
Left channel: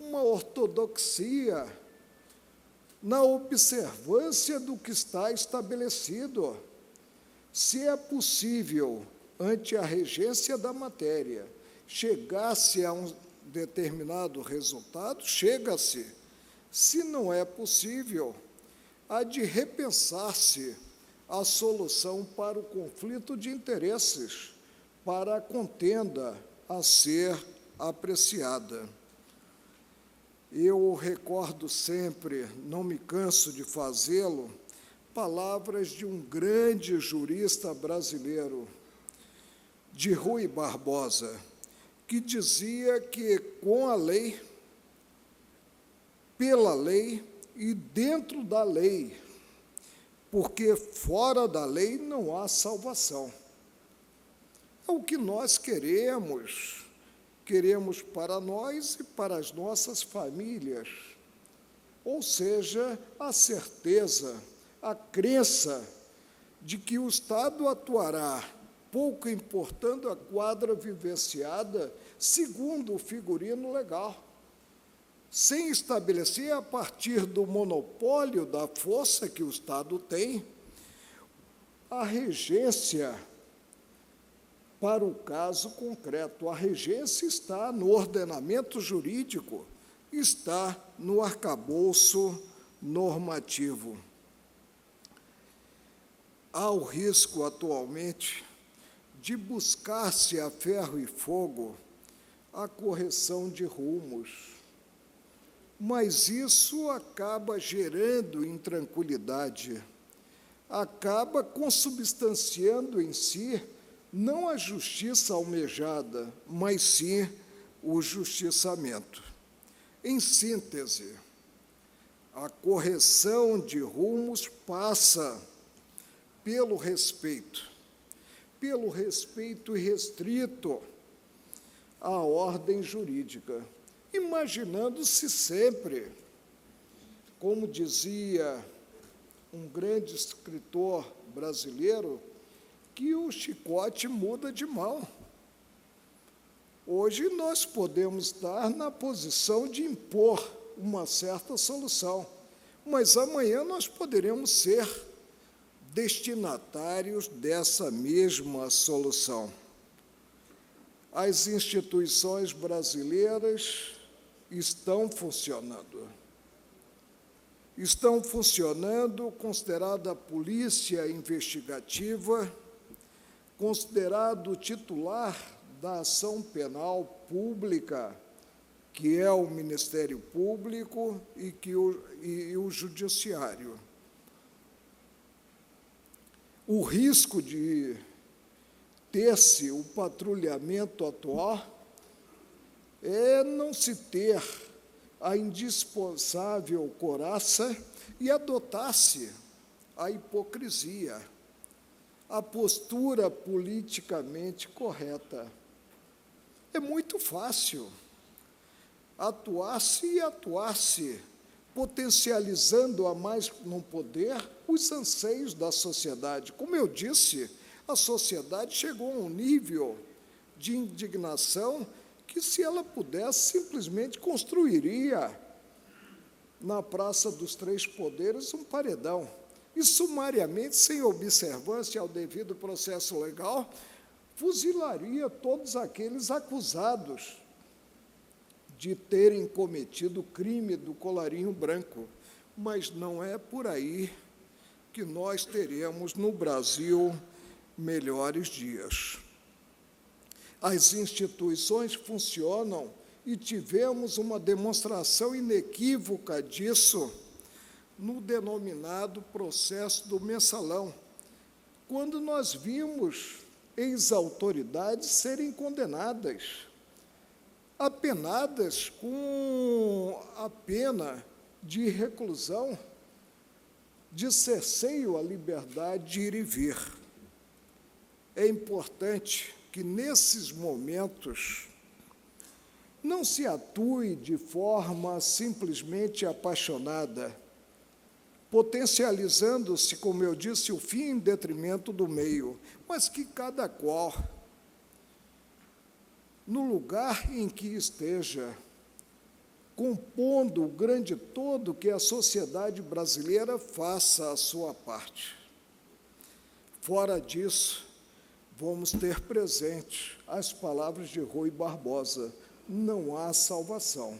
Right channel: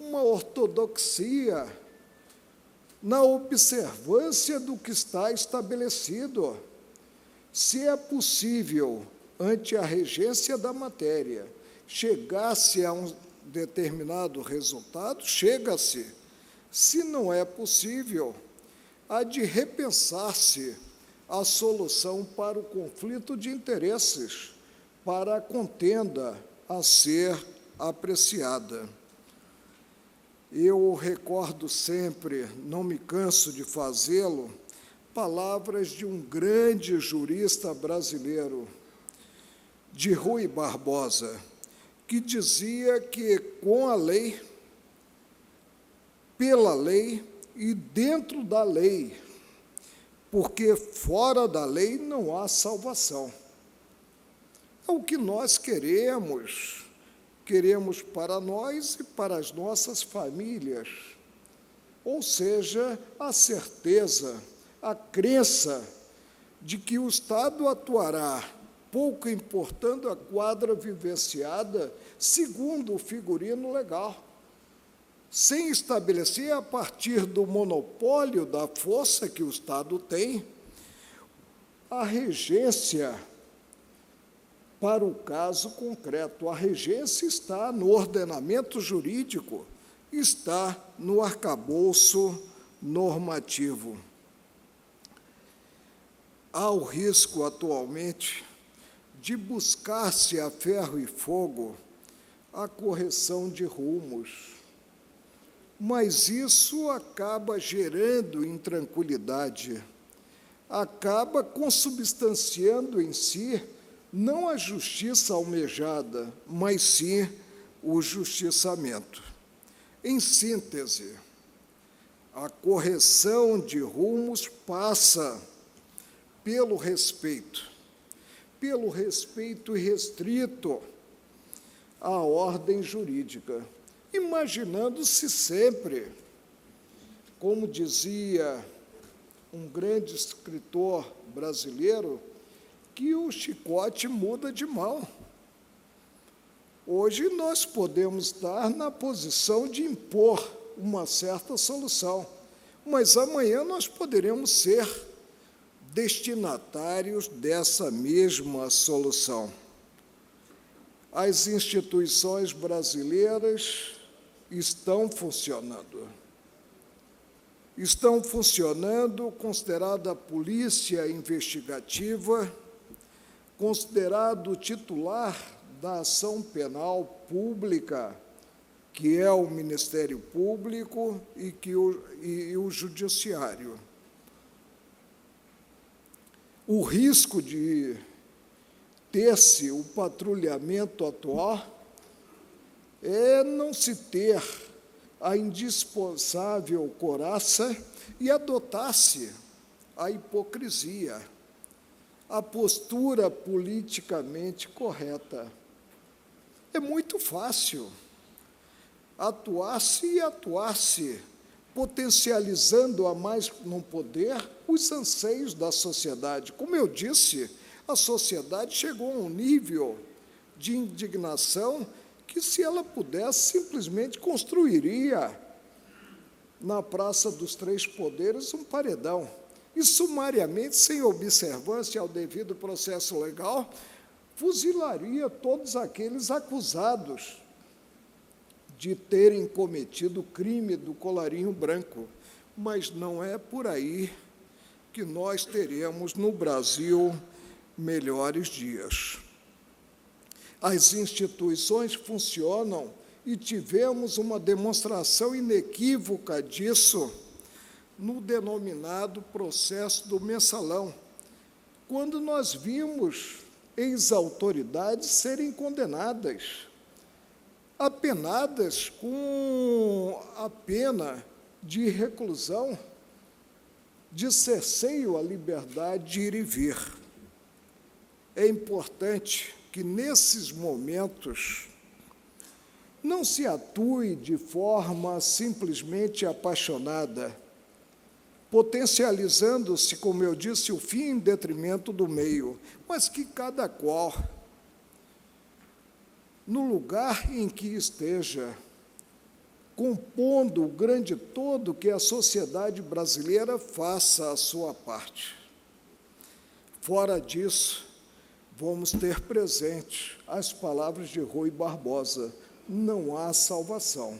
uma ortodoxia na observância do que está estabelecido. Se é possível, ante a regência da matéria, chegar-se a um determinado resultado, chega-se. Se não é possível, há de repensar-se a solução para o conflito de interesses, para a contenda a ser apreciada. Eu recordo sempre, não me canso de fazê-lo, palavras de um grande jurista brasileiro, de Rui Barbosa, que dizia que com a lei, pela lei e dentro da lei, porque fora da lei não há salvação. É o que nós queremos para nós e para as nossas famílias, ou seja, a certeza, a crença de que o Estado atuará, pouco importando a quadra vivenciada, segundo o figurino legal, sem estabelecer, a partir do monopólio da força que o Estado tem, a regência para o caso concreto. A regência está no ordenamento jurídico, está no arcabouço normativo. Há o risco, atualmente, de buscar-se a ferro e fogo a correção de rumos, mas isso acaba gerando intranquilidade, acaba consubstanciando em si não a justiça almejada, mas sim o justiçamento. Em síntese, a correção de rumos passa pelo respeito irrestrito à ordem jurídica, imaginando-se sempre, como dizia um grande escritor brasileiro, que o chicote muda de mão. Hoje nós podemos estar na posição de impor uma certa solução, mas amanhã nós poderemos ser destinatários dessa mesma solução. As instituições brasileiras estão funcionando. Estão funcionando, considerada a polícia investigativa, considerado o titular da ação penal pública, que é o Ministério Público e o Judiciário. O risco de ter-se o patrulhamento atual é não se ter a indispensável coraça e adotar-se a hipocrisia, a postura politicamente correta. É muito fácil atuar-se, potencializando a mais não poder os anseios da sociedade. Como eu disse, a sociedade chegou a um nível de indignação que, se ela pudesse, simplesmente construiria na Praça dos Três Poderes um paredão e, sumariamente, sem observância ao devido processo legal, fuzilaria todos aqueles acusados de terem cometido o crime do colarinho branco. Mas não é por aí que nós teremos no Brasil melhores dias. As instituições funcionam e tivemos uma demonstração inequívoca disso no denominado processo do mensalão, quando nós vimos ex-autoridades serem condenadas, apenadas com a pena de reclusão, de cerceio à liberdade de ir e vir. É importante que, nesses momentos, não se atue de forma simplesmente apaixonada, potencializando-se, como eu disse, o fim em detrimento do meio, mas que cada qual, no lugar em que esteja, compondo o grande todo que a sociedade brasileira faça a sua parte. Fora disso, vamos ter presente as palavras de Rui Barbosa: não há salvação.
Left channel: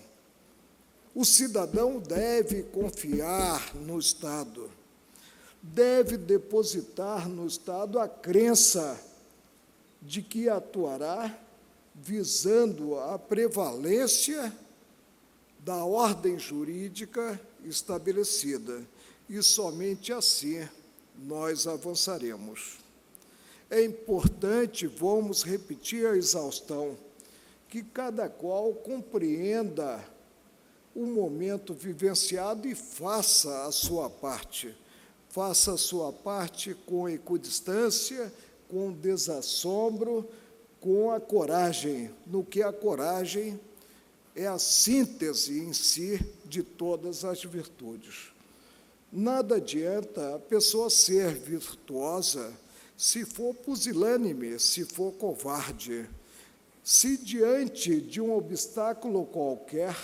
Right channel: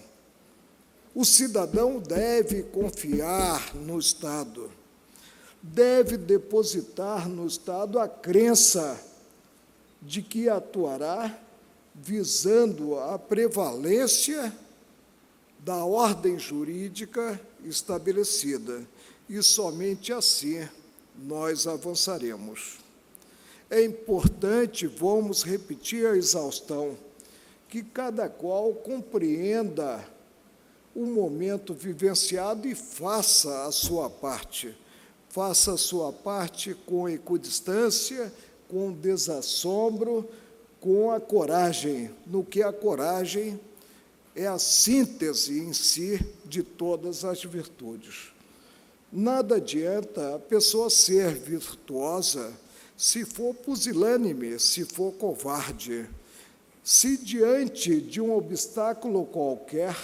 O cidadão deve confiar no Estado, deve depositar no Estado a crença de que atuará visando a prevalência da ordem jurídica estabelecida, e somente assim nós avançaremos. É importante, vamos repetir a exaustão, que cada qual compreenda o momento vivenciado e faça a sua parte. Faça a sua parte com equidistância, com desassombro, com a coragem, no que a coragem é a síntese em si de todas as virtudes. Nada adianta a pessoa ser virtuosa se for pusilânime, se for covarde, se diante de um obstáculo qualquer,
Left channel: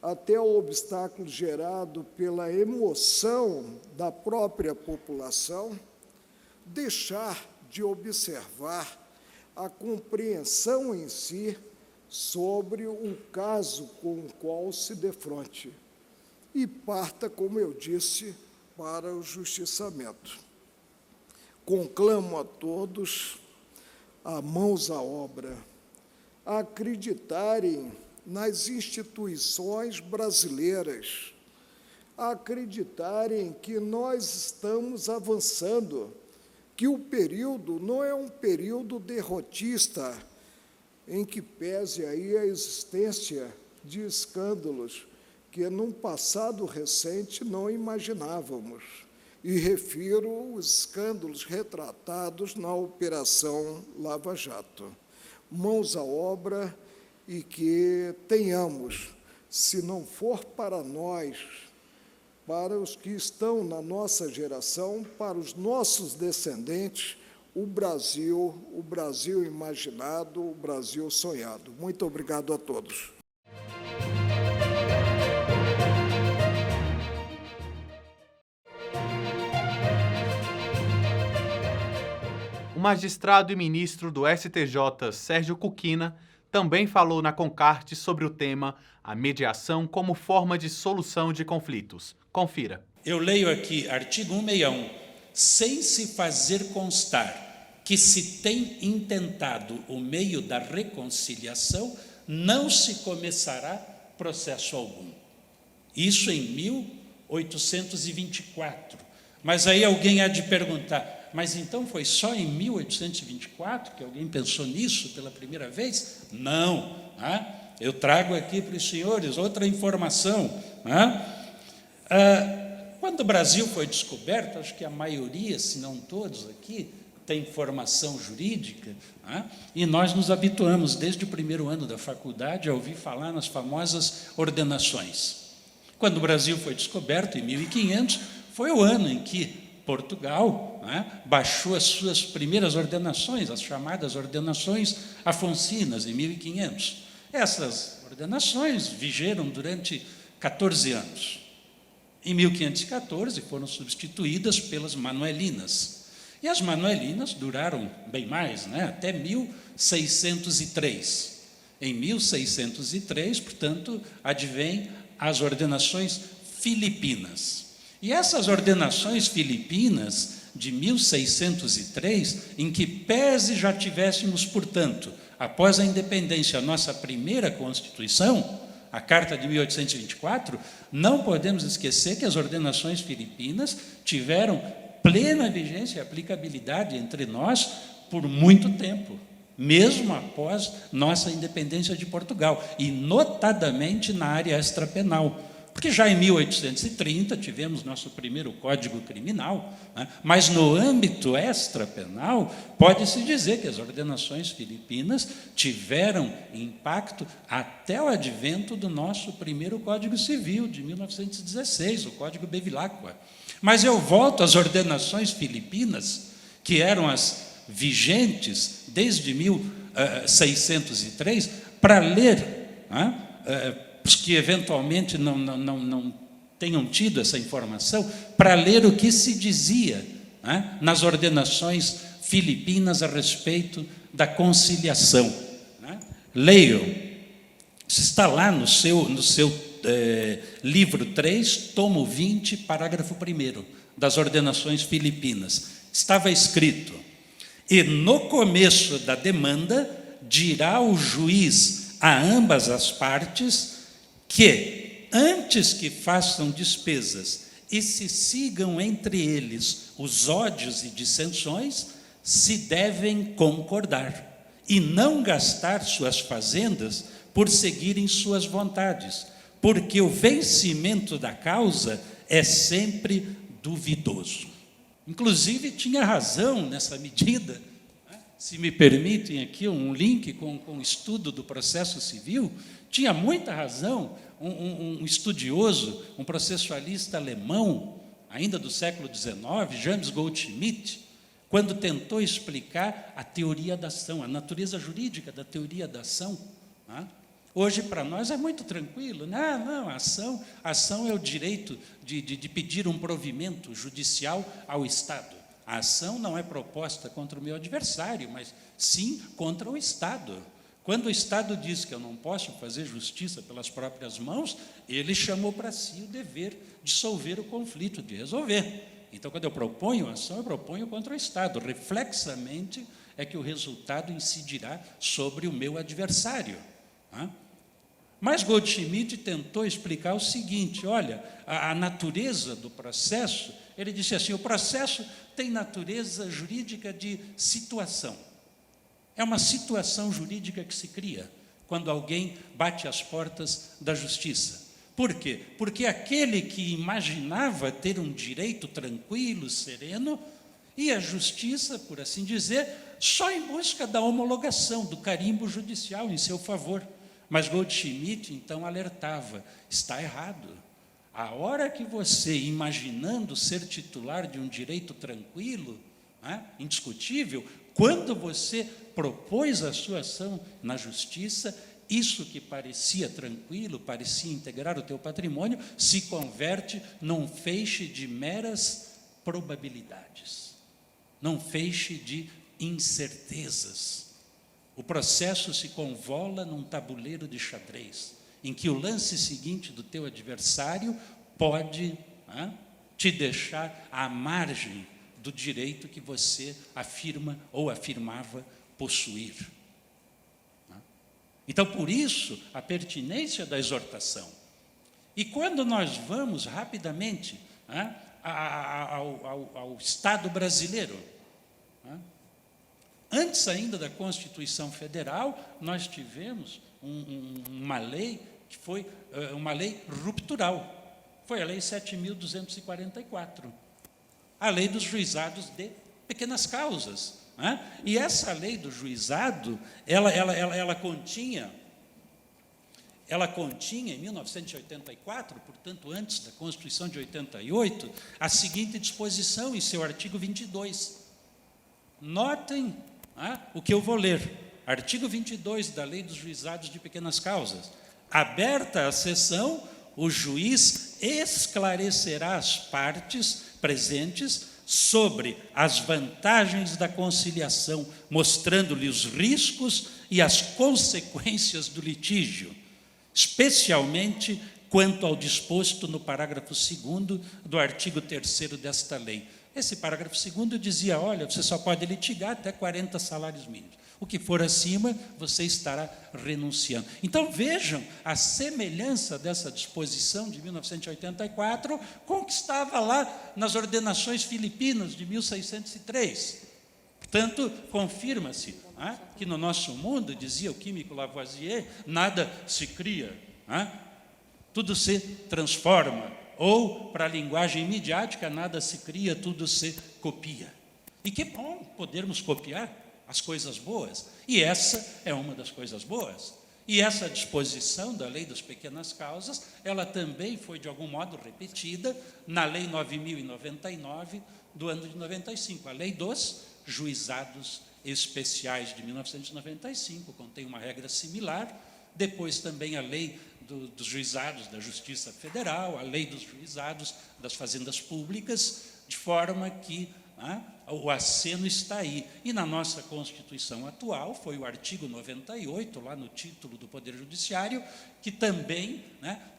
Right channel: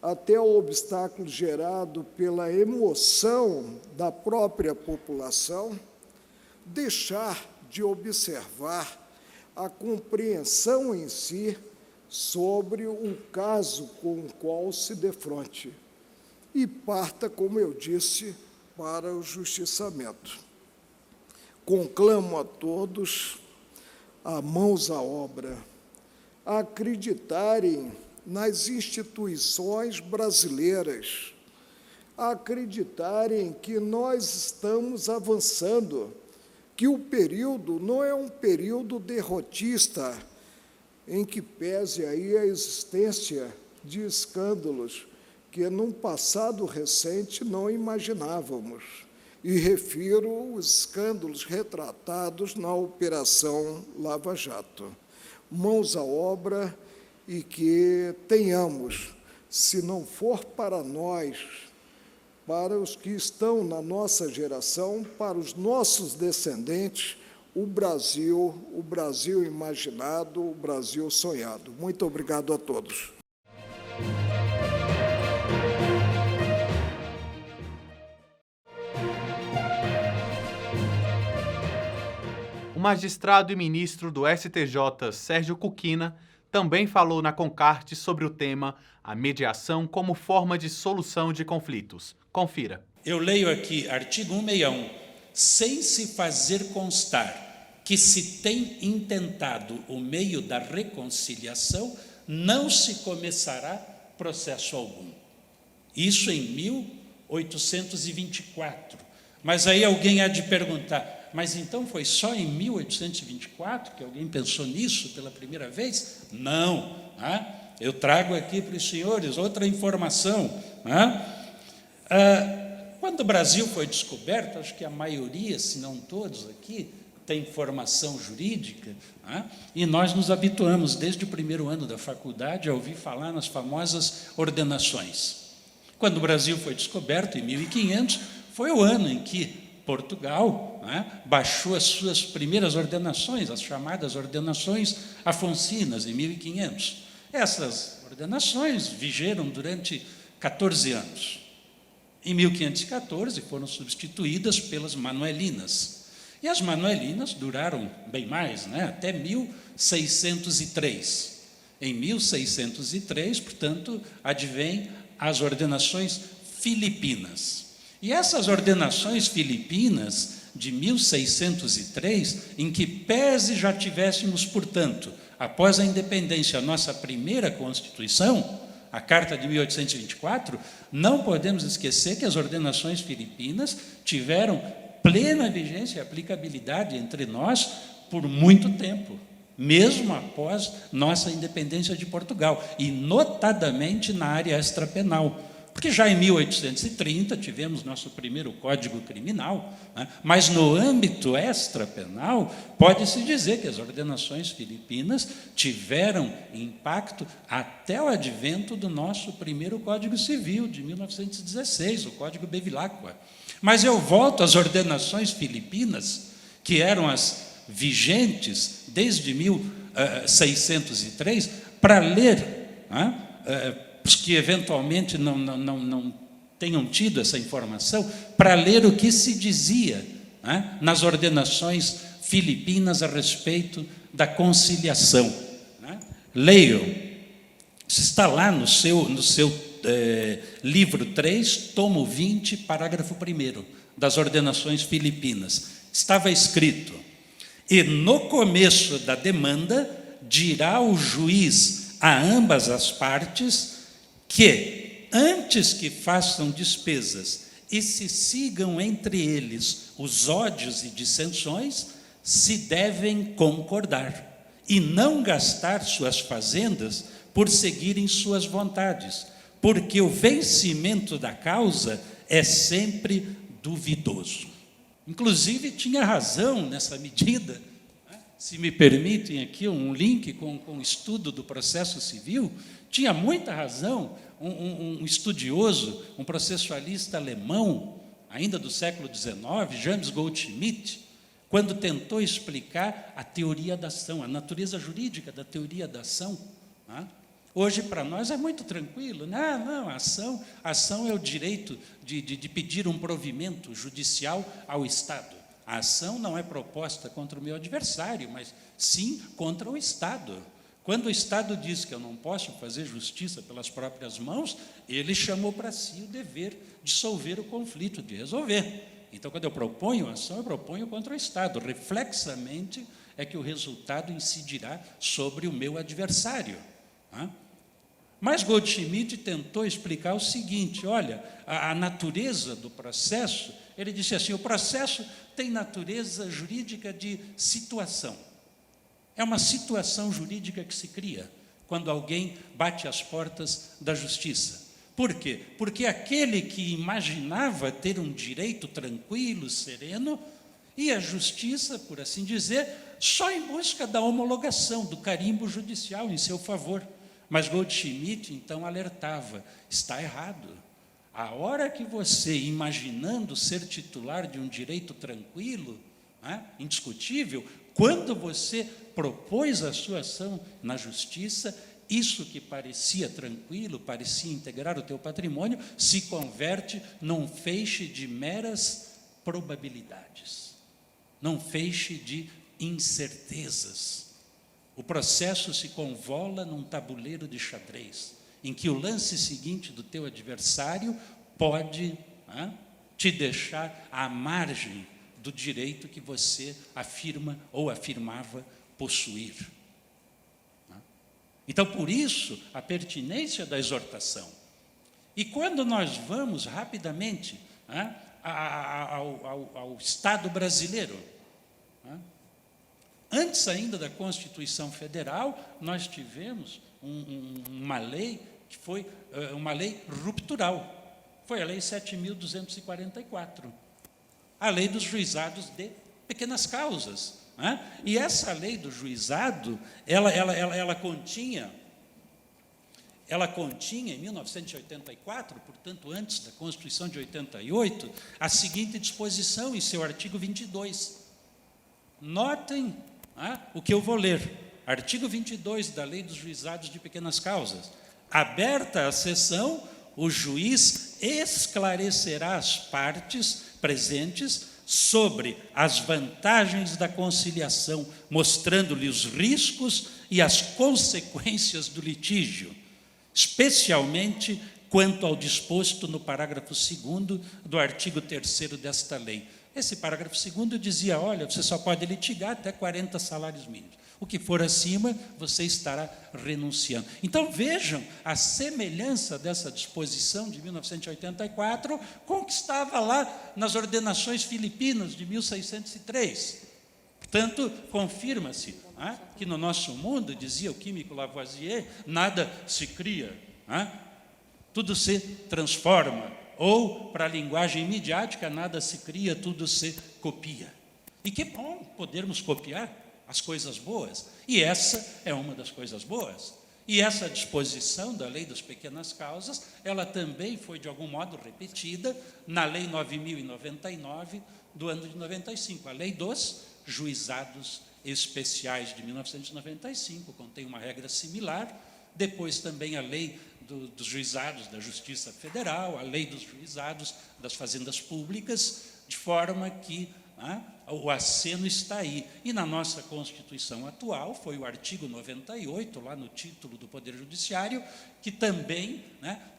até o obstáculo gerado pela emoção da própria população, deixar de observar a compreensão em si sobre o caso com o qual se defronte e parta, como eu disse, para o justiçamento. Conclamo a todos a mãos à obra, a acreditarem nas instituições brasileiras, a acreditarem que nós estamos avançando, que o período não é um período derrotista, em que pese aí a existência de escândalos que, num passado recente, não imaginávamos. E refiro os escândalos retratados na Operação Lava Jato. Mãos à obra e que tenhamos, se não for para nós, para os que estão na nossa geração, para os nossos descendentes, o Brasil imaginado, o Brasil sonhado. Muito obrigado a todos. O magistrado e ministro do STJ, Sérgio Cuquina, também falou na Concarte sobre o tema a mediação como forma de solução de conflitos. Confira. Eu leio aqui, artigo 161, sem se fazer constar que se tem intentado o meio da reconciliação, não se começará processo algum. Isso em 1824. Mas aí alguém há de perguntar, mas então foi só em 1824 que alguém pensou nisso pela primeira vez? Não. Eu trago aqui para os senhores outra informação. Quando o Brasil foi descoberto, acho que a maioria, se não todos aqui, tem formação jurídica, e nós nos habituamos, desde o primeiro ano da faculdade, a ouvir falar nas famosas ordenações. Quando o Brasil foi descoberto, em 1500, foi o ano em que Portugal baixou as suas primeiras ordenações, as chamadas ordenações afoncinas, em 1500. Essas ordenações vigeram durante 14 anos. Em 1514 foram substituídas pelas manuelinas. E as manuelinas duraram bem mais, até 1603. Em 1603, portanto, advém as ordenações filipinas. E essas ordenações filipinas de 1603, em que pese já tivéssemos, portanto, após a independência, a nossa primeira Constituição, a Carta de 1824, não podemos esquecer que as ordenações filipinas tiveram plena vigência e aplicabilidade entre nós por muito tempo, mesmo após nossa independência de Portugal, e notadamente na área extrapenal. Porque já em 1830 tivemos nosso primeiro Código Criminal, mas no âmbito extrapenal, pode-se dizer que as ordenações filipinas tiveram impacto até o advento do nosso primeiro Código Civil, de 1916, o Código Bevilacqua. Mas eu volto às ordenações filipinas, que eram as vigentes desde 1603, para ler os que eventualmente não tenham tido essa informação, para ler o que se dizia, né, nas ordenações filipinas a respeito da conciliação. Né? Leiam, isso está lá no seu livro 3, tomo 20, parágrafo 1º, das ordenações filipinas. Estava escrito: e no começo da demanda dirá o juiz a ambas as partes que, antes que façam despesas e se sigam entre eles os ódios e dissensões, se devem concordar e não gastar suas fazendas por seguirem suas vontades, porque o vencimento da causa é sempre duvidoso. Inclusive, tinha razão nessa medida. Se me permitem aqui um link com o estudo do processo civil, tinha muita razão um estudioso, um processualista alemão, ainda do século XIX, James Goldschmidt, quando tentou explicar a teoria da ação, a natureza jurídica da teoria da ação. Hoje, para nós, é muito tranquilo. Não, a ação é o direito de pedir um provimento judicial ao Estado. A ação não é proposta contra o meu adversário, mas sim contra o Estado. Quando o Estado diz que eu não posso fazer justiça pelas próprias mãos, ele chamou para si o dever de solver o conflito, de resolver. Então, quando eu proponho ação, eu proponho contra o Estado. Reflexamente é que o resultado incidirá sobre o meu adversário. Mas Goldschmidt tentou explicar o seguinte: olha, a natureza do processo, ele disse assim, o processo tem natureza jurídica de situação. É uma situação jurídica que se cria quando alguém bate às portas da justiça. Por quê? Porque aquele que imaginava ter um direito tranquilo, sereno, ia à justiça, por assim dizer, só em busca da homologação, do carimbo judicial em seu favor. Mas Goldschmidt, então, alertava, está errado. A hora que você, imaginando ser titular de um direito tranquilo, indiscutível, quando você propôs a sua ação na justiça, isso que parecia tranquilo, parecia integrar o teu patrimônio, se converte num feixe de meras probabilidades, num feixe de incertezas. O processo se convola num tabuleiro de xadrez, em que o lance seguinte do teu adversário pode te deixar à margem do direito que você afirma ou afirmava possuir. Então, por isso, a pertinência da exortação. E quando nós vamos rapidamente ao Estado brasileiro, antes ainda da Constituição Federal, nós tivemos uma lei que foi uma lei ruptural. Foi a Lei 7.244, a Lei dos Juizados de Pequenas Causas. E essa lei do juizado, ela continha, em 1984, portanto, antes da Constituição de 88, a seguinte disposição em seu artigo 22. Notem o que eu vou ler. Artigo 22 da Lei dos Juizados de Pequenas Causas. Aberta a sessão, o juiz esclarecerá as partes presentes sobre as vantagens da conciliação, mostrando-lhe os riscos e as consequências do litígio, especialmente quanto ao disposto no parágrafo 2º do artigo 3º desta lei. Esse parágrafo 2º dizia, olha, você só pode litigar até 40 salários mínimos. O que for acima, você estará renunciando. Então, vejam a semelhança dessa disposição de 1984 com o que estava lá nas ordenações filipinas de 1603. Portanto, confirma-se que no nosso mundo, dizia o químico Lavoisier, nada se cria, tudo se transforma. Ou, para a linguagem midiática, nada se cria, tudo se copia. E que bom podermos copiar as coisas boas. E essa é uma das coisas boas. E essa disposição da Lei das Pequenas Causas, ela também foi, de algum modo, repetida na Lei 9.099, do ano de 95, a Lei dos Juizados Especiais de 1995, contém uma regra similar. Depois também a Lei dos juizados da Justiça Federal, a lei dos juizados das fazendas públicas, de forma que o aceno está aí. E na nossa Constituição atual, foi o artigo 98, lá no título do Poder Judiciário, que também,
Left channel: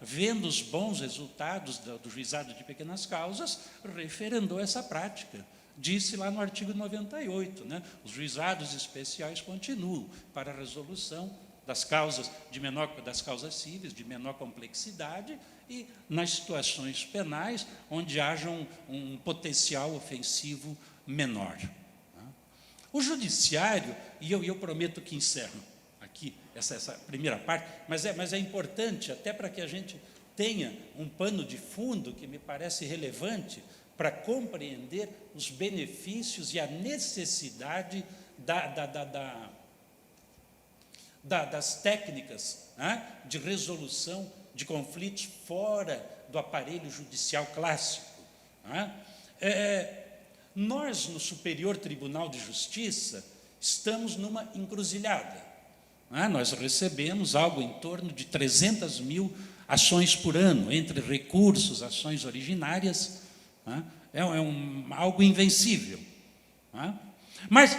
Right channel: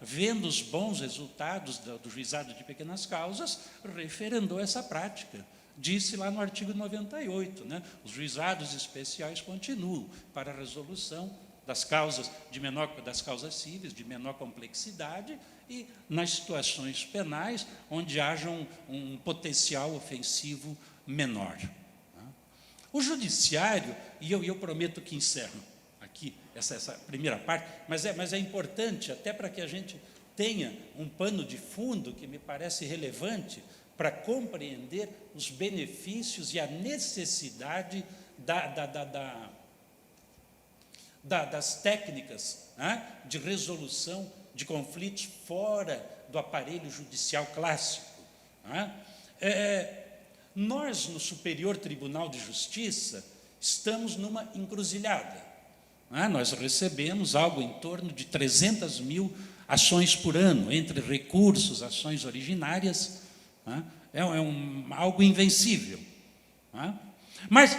vendo os bons resultados do juizado de pequenas causas, referendou essa prática. Disse lá no artigo 98, os juizados especiais continuam para a resolução das causas das causas cíveis de menor complexidade e nas situações penais onde haja um potencial ofensivo menor. O judiciário, e eu prometo que encerro aqui essa primeira parte, mas é importante até para que a gente tenha um pano de fundo que me parece relevante para compreender os benefícios e a necessidade das técnicas de resolução de conflitos fora do aparelho judicial clássico. Nós, no Superior Tribunal de Justiça, estamos numa encruzilhada. Nós recebemos algo em torno de 300 mil ações por ano, entre recursos, ações originárias. Algo invencível. Mas,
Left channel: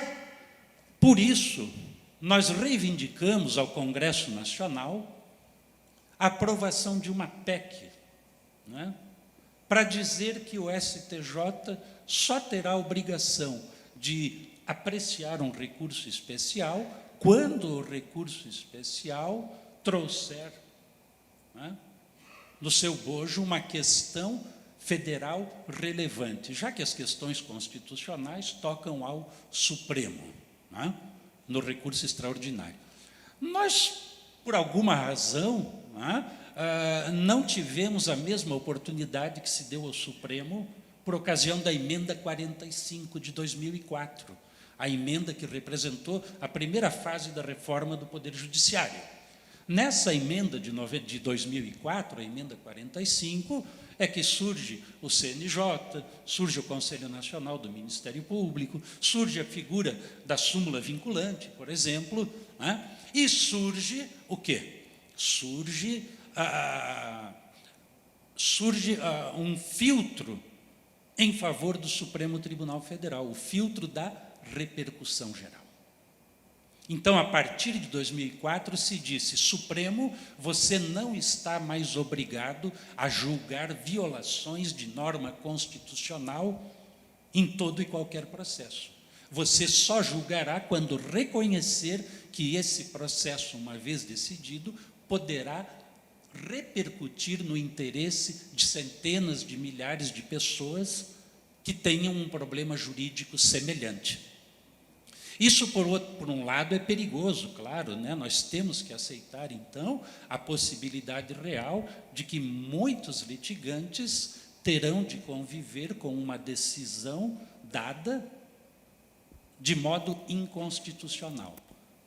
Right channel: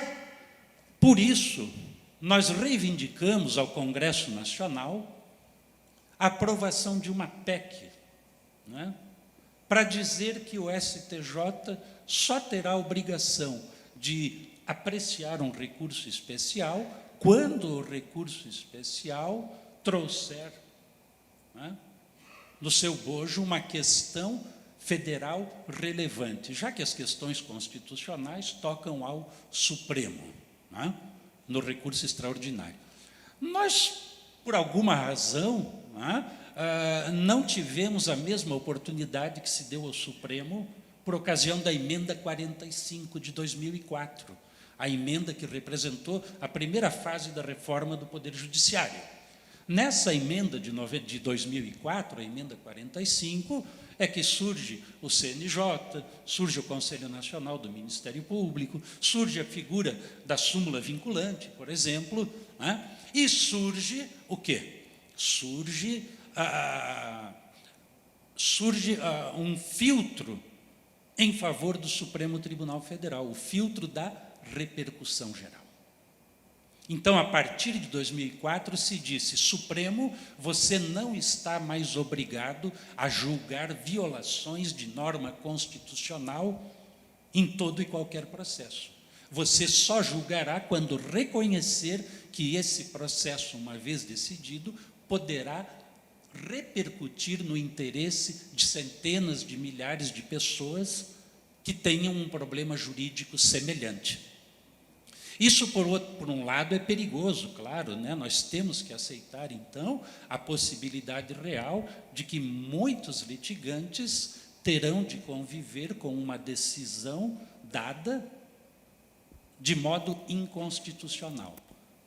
por isso, nós reivindicamos ao Congresso Nacional a aprovação de uma PEC, para dizer que o STJ só terá a obrigação de apreciar um recurso especial quando o recurso especial trouxer no seu bojo uma questão federal relevante, já que as questões constitucionais tocam ao Supremo, no recurso extraordinário. Nós, por alguma razão, não tivemos a mesma oportunidade que se deu ao Supremo por ocasião da emenda 45 de 2004, a emenda que representou a primeira fase da reforma do Poder Judiciário. Nessa emenda de 2004, a emenda 45, é que surge o CNJ, surge o Conselho Nacional do Ministério Público, surge a figura da súmula vinculante, por exemplo, e surge o quê? Surge um filtro em favor do Supremo Tribunal Federal, o filtro da repercussão geral. Então, a partir de 2004, se disse: Supremo, você não está mais obrigado a julgar violações de norma constitucional em todo e qualquer processo. Você só julgará quando reconhecer que esse processo, uma vez decidido, poderá repercutir no interesse de centenas de milhares de pessoas que tenham um problema jurídico semelhante. Isso, por um lado, é perigoso, claro, nós temos que aceitar, então, a possibilidade real de que muitos litigantes terão de conviver com uma decisão dada de modo inconstitucional.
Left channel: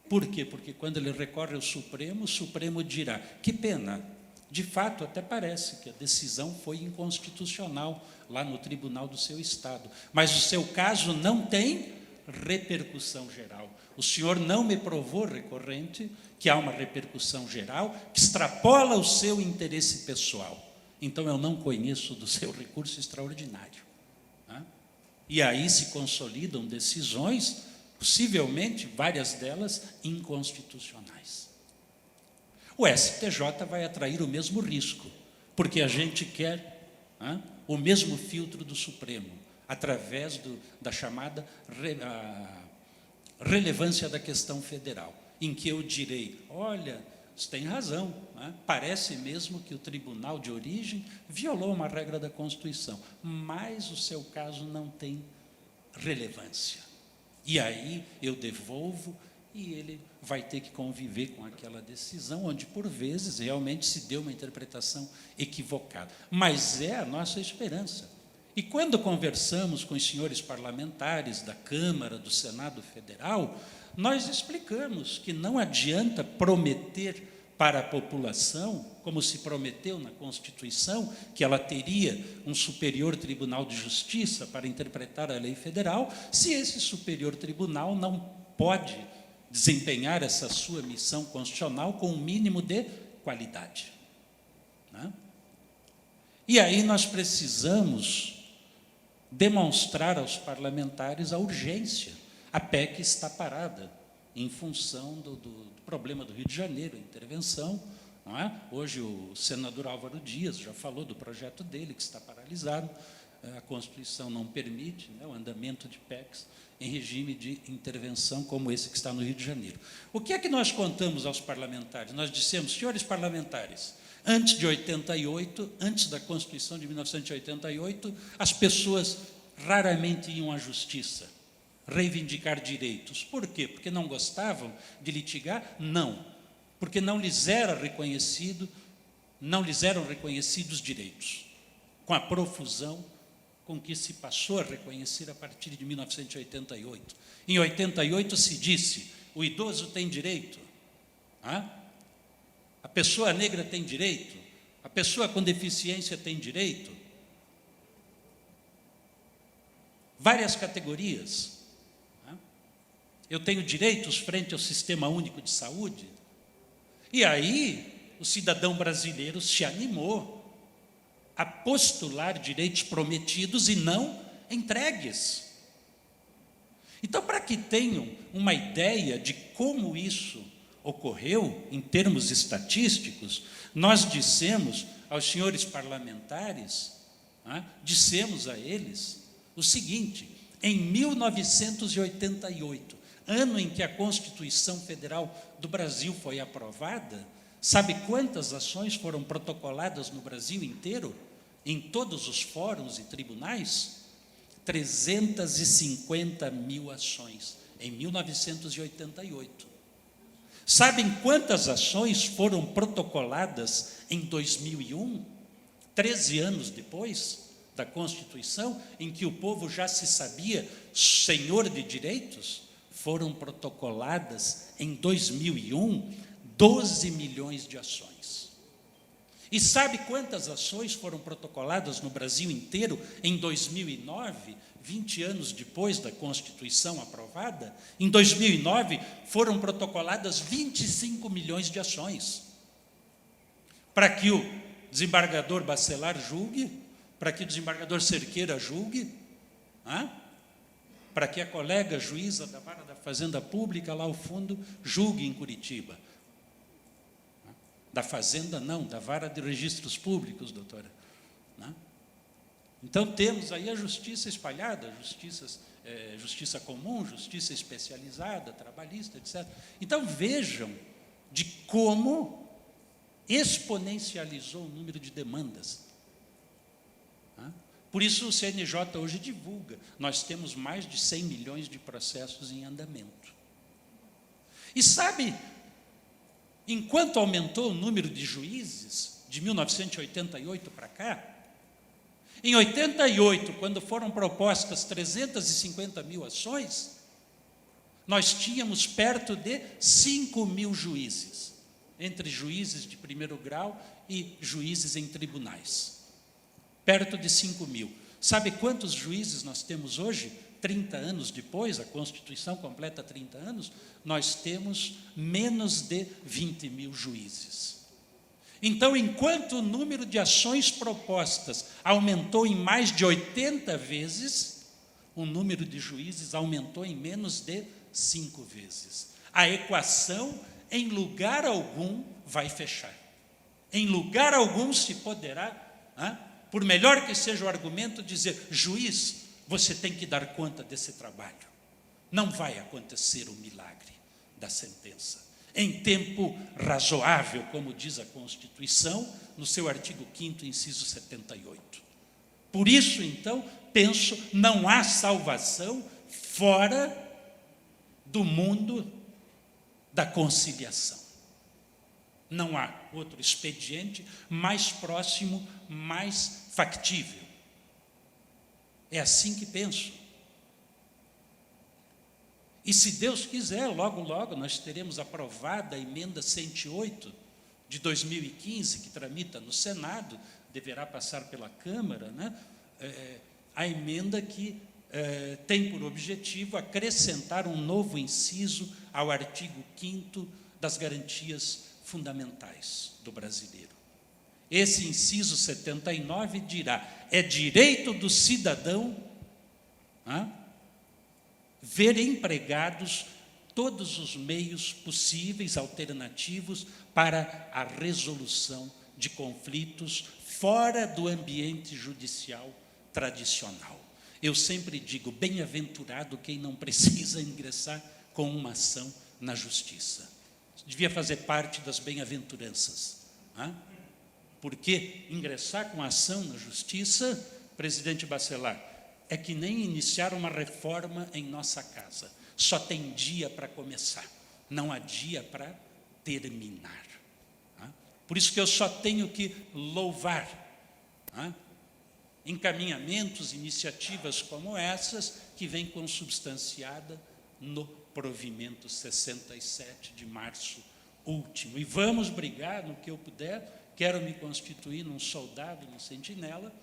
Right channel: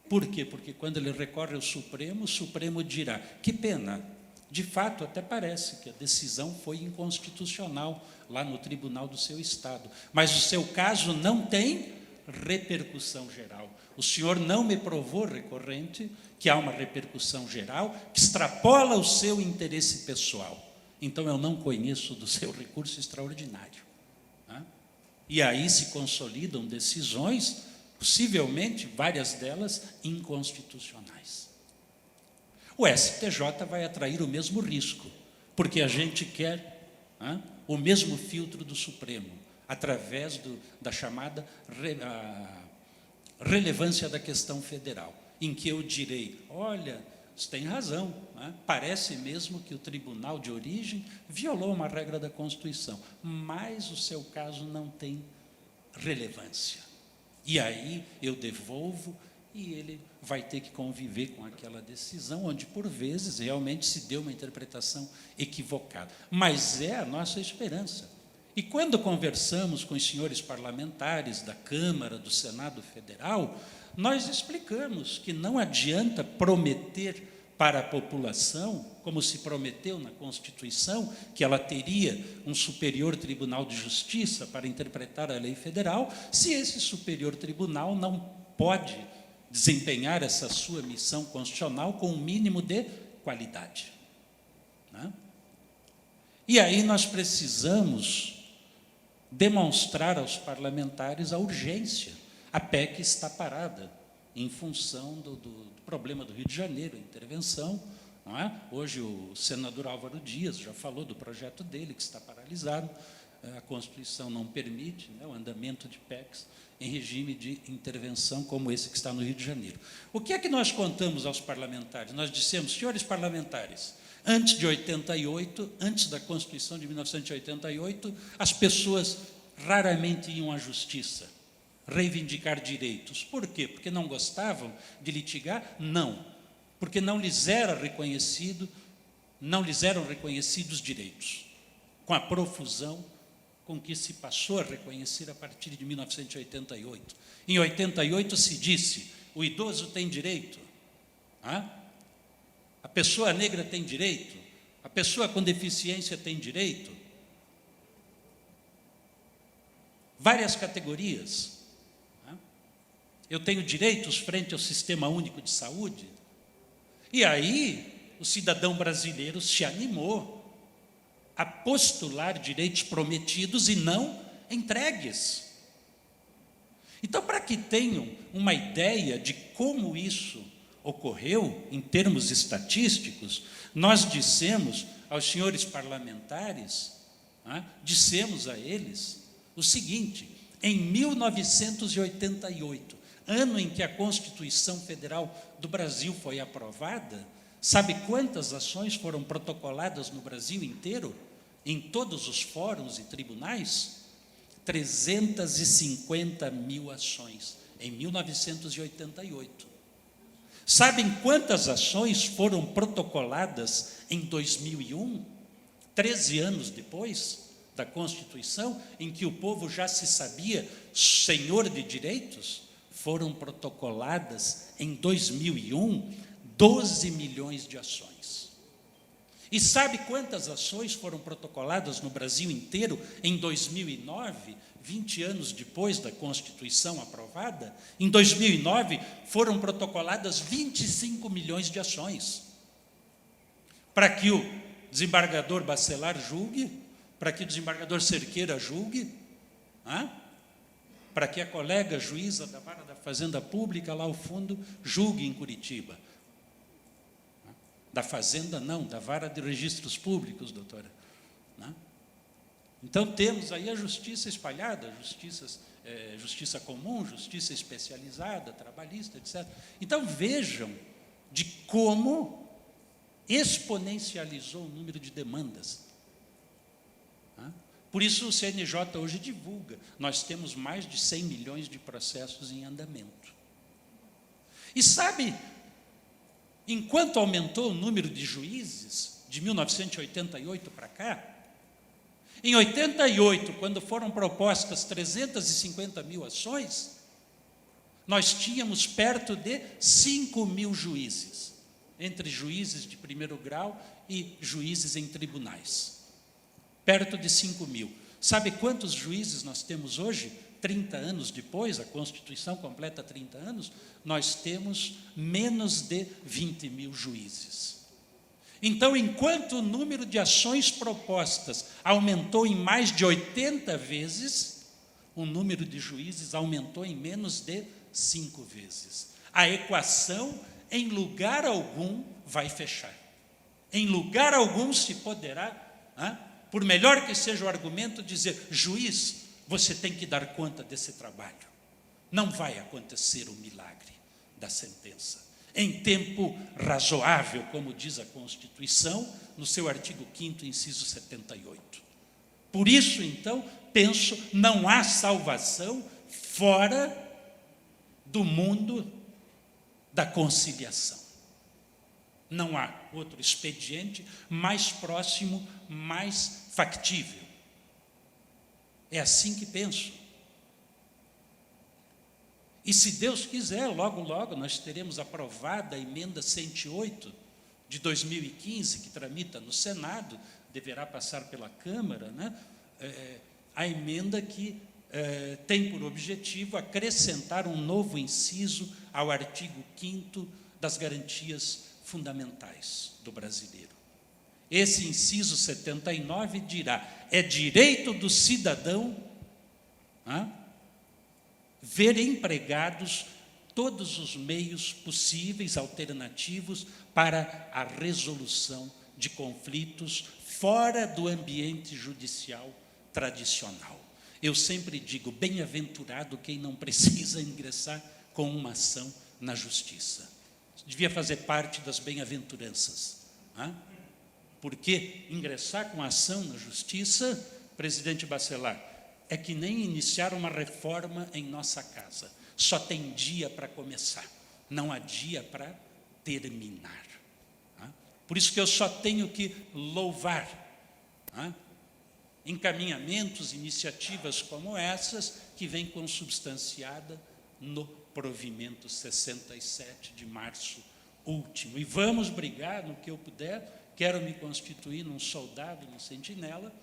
Por quê? Porque quando ele recorre ao Supremo, o Supremo dirá: que pena, de fato, até parece que a decisão foi inconstitucional lá no tribunal do seu estado, mas o seu caso não tem repercussão geral. O senhor não me provou, recorrente, que há uma repercussão geral que extrapola o seu interesse pessoal. Então, eu não conheço do seu recurso extraordinário. E aí se consolidam decisões, possivelmente, várias delas, inconstitucionais. O STJ vai atrair o mesmo risco, porque a gente quer o mesmo filtro do Supremo, através da chamada relevância da questão federal, em que eu direi: olha, você tem razão, parece mesmo que o tribunal de origem violou uma regra da Constituição, mas o seu caso não tem relevância. E aí eu devolvo e ele vai ter que conviver com aquela decisão, onde, por vezes, realmente se deu uma interpretação equivocada. Mas é a nossa esperança. E quando conversamos com os senhores parlamentares da Câmara, do Senado Federal, nós explicamos que não adianta prometer para a população, como se prometeu na Constituição, que ela teria um Superior Tribunal de Justiça para interpretar a lei federal, se esse Superior Tribunal não pode desempenhar essa sua missão constitucional com um mínimo de qualidade. né? E aí nós precisamos demonstrar aos parlamentares a urgência. A PEC está parada em função do problema do Rio de Janeiro, a intervenção. Não é? Hoje o senador Álvaro Dias já falou do projeto dele, que está paralisado. A Constituição não permite, né, o andamento de PECs em regime de intervenção como esse que está no Rio de Janeiro. O que é que nós contamos aos parlamentares? Nós dissemos, senhores parlamentares, antes de 88, antes da Constituição de 1988, as pessoas raramente iam à justiça reivindicar direitos. Por quê? Porque não gostavam de litigar? Não. Porque não lhes eram reconhecidos direitos. Com a profusão com que se passou a reconhecer a partir de 1988. Em 88 se disse, o idoso tem direito, a pessoa negra tem direito, a pessoa com deficiência tem direito. Várias categorias. Eu tenho direitos frente ao Sistema Único de Saúde. E aí o cidadão brasileiro se animou a postular direitos prometidos e não entregues. Então, para que tenham uma ideia de como isso ocorreu, em termos estatísticos, nós dissemos aos senhores parlamentares, dissemos a eles o seguinte, em 1988, ano em que a Constituição Federal do Brasil foi aprovada, sabe quantas ações foram protocoladas no Brasil inteiro? Em todos os fóruns e tribunais? 350 mil ações, em 1988. Sabem quantas ações foram protocoladas em 2001, 13 anos depois da Constituição, em que o povo já se sabia senhor de direitos? Foram protocoladas em 2001, 12 milhões de ações. E sabe quantas ações foram protocoladas no Brasil inteiro em 2009, 20 anos depois da Constituição aprovada? Em 2009, foram protocoladas 25 milhões de ações. Para que o desembargador Bacelar julgue, para que o desembargador Cerqueira julgue, para que a colega juíza da Vara da Fazenda Pública, lá ao fundo, julgue em Curitiba. Da Fazenda, não, da Vara de Registros Públicos, doutora. Então, temos aí a justiça espalhada, justiça comum, justiça especializada, trabalhista, etc. Então, vejam de como exponencializou o número de demandas. Por isso, o CNJ hoje divulga, nós temos mais de 100 milhões de processos em andamento. E sabe, enquanto aumentou o número de juízes, de 1988 para cá, em 88, quando foram propostas 350 mil ações, nós tínhamos perto de 5 mil juízes, entre juízes de primeiro grau e juízes em tribunais. Perto de 5 mil. Sabe quantos juízes nós temos hoje? 30 anos depois, a Constituição completa 30 anos, nós temos menos de 20 mil juízes. Então, enquanto o número de ações propostas aumentou em mais de 80 vezes, o número de juízes aumentou em menos de 5 vezes. A equação, em lugar algum, vai fechar. Em lugar algum se poderá, por melhor que seja o argumento, dizer, juiz, você tem que dar conta desse trabalho. Não vai acontecer o milagre da sentença. Em tempo razoável, como diz a Constituição, no seu artigo 5º, inciso 78. Por isso, então, penso, não há salvação fora do mundo da conciliação. Não há outro expediente mais próximo, mais factível. É assim que penso. E se Deus quiser, logo, logo, nós teremos aprovada a emenda 108 de 2015, que tramita no Senado, deverá passar pela Câmara, a emenda que tem por objetivo acrescentar um novo inciso ao artigo 5º das garantias fundamentais do brasileiro. Esse inciso 79 dirá: é direito do cidadão ver empregados todos os meios possíveis, alternativos, para a resolução de conflitos fora do ambiente judicial tradicional. Eu sempre digo, bem-aventurado quem não precisa ingressar com uma ação na justiça. Devia fazer parte das bem-aventuranças. Porque ingressar com ação na justiça, presidente Bacelar, é que nem iniciar uma reforma em nossa casa. Só tem dia para começar, não há dia para terminar. Por isso que eu só tenho que louvar encaminhamentos, iniciativas como essas, que vêm consubstanciada no provimento 67 de março último. E vamos brigar no que eu puder, quero me constituir num soldado, num sentinela,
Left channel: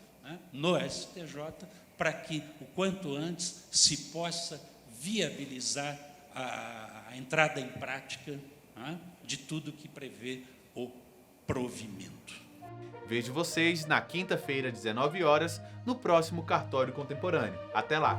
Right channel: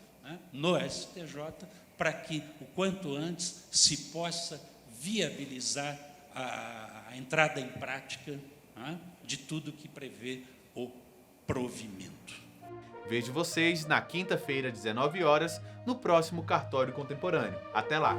no STJ, para que o quanto antes se possa viabilizar a entrada em prática de tudo que prevê o provimento. Vejo vocês na quinta-feira, 19 horas, no próximo Cartório Contemporâneo. Até lá!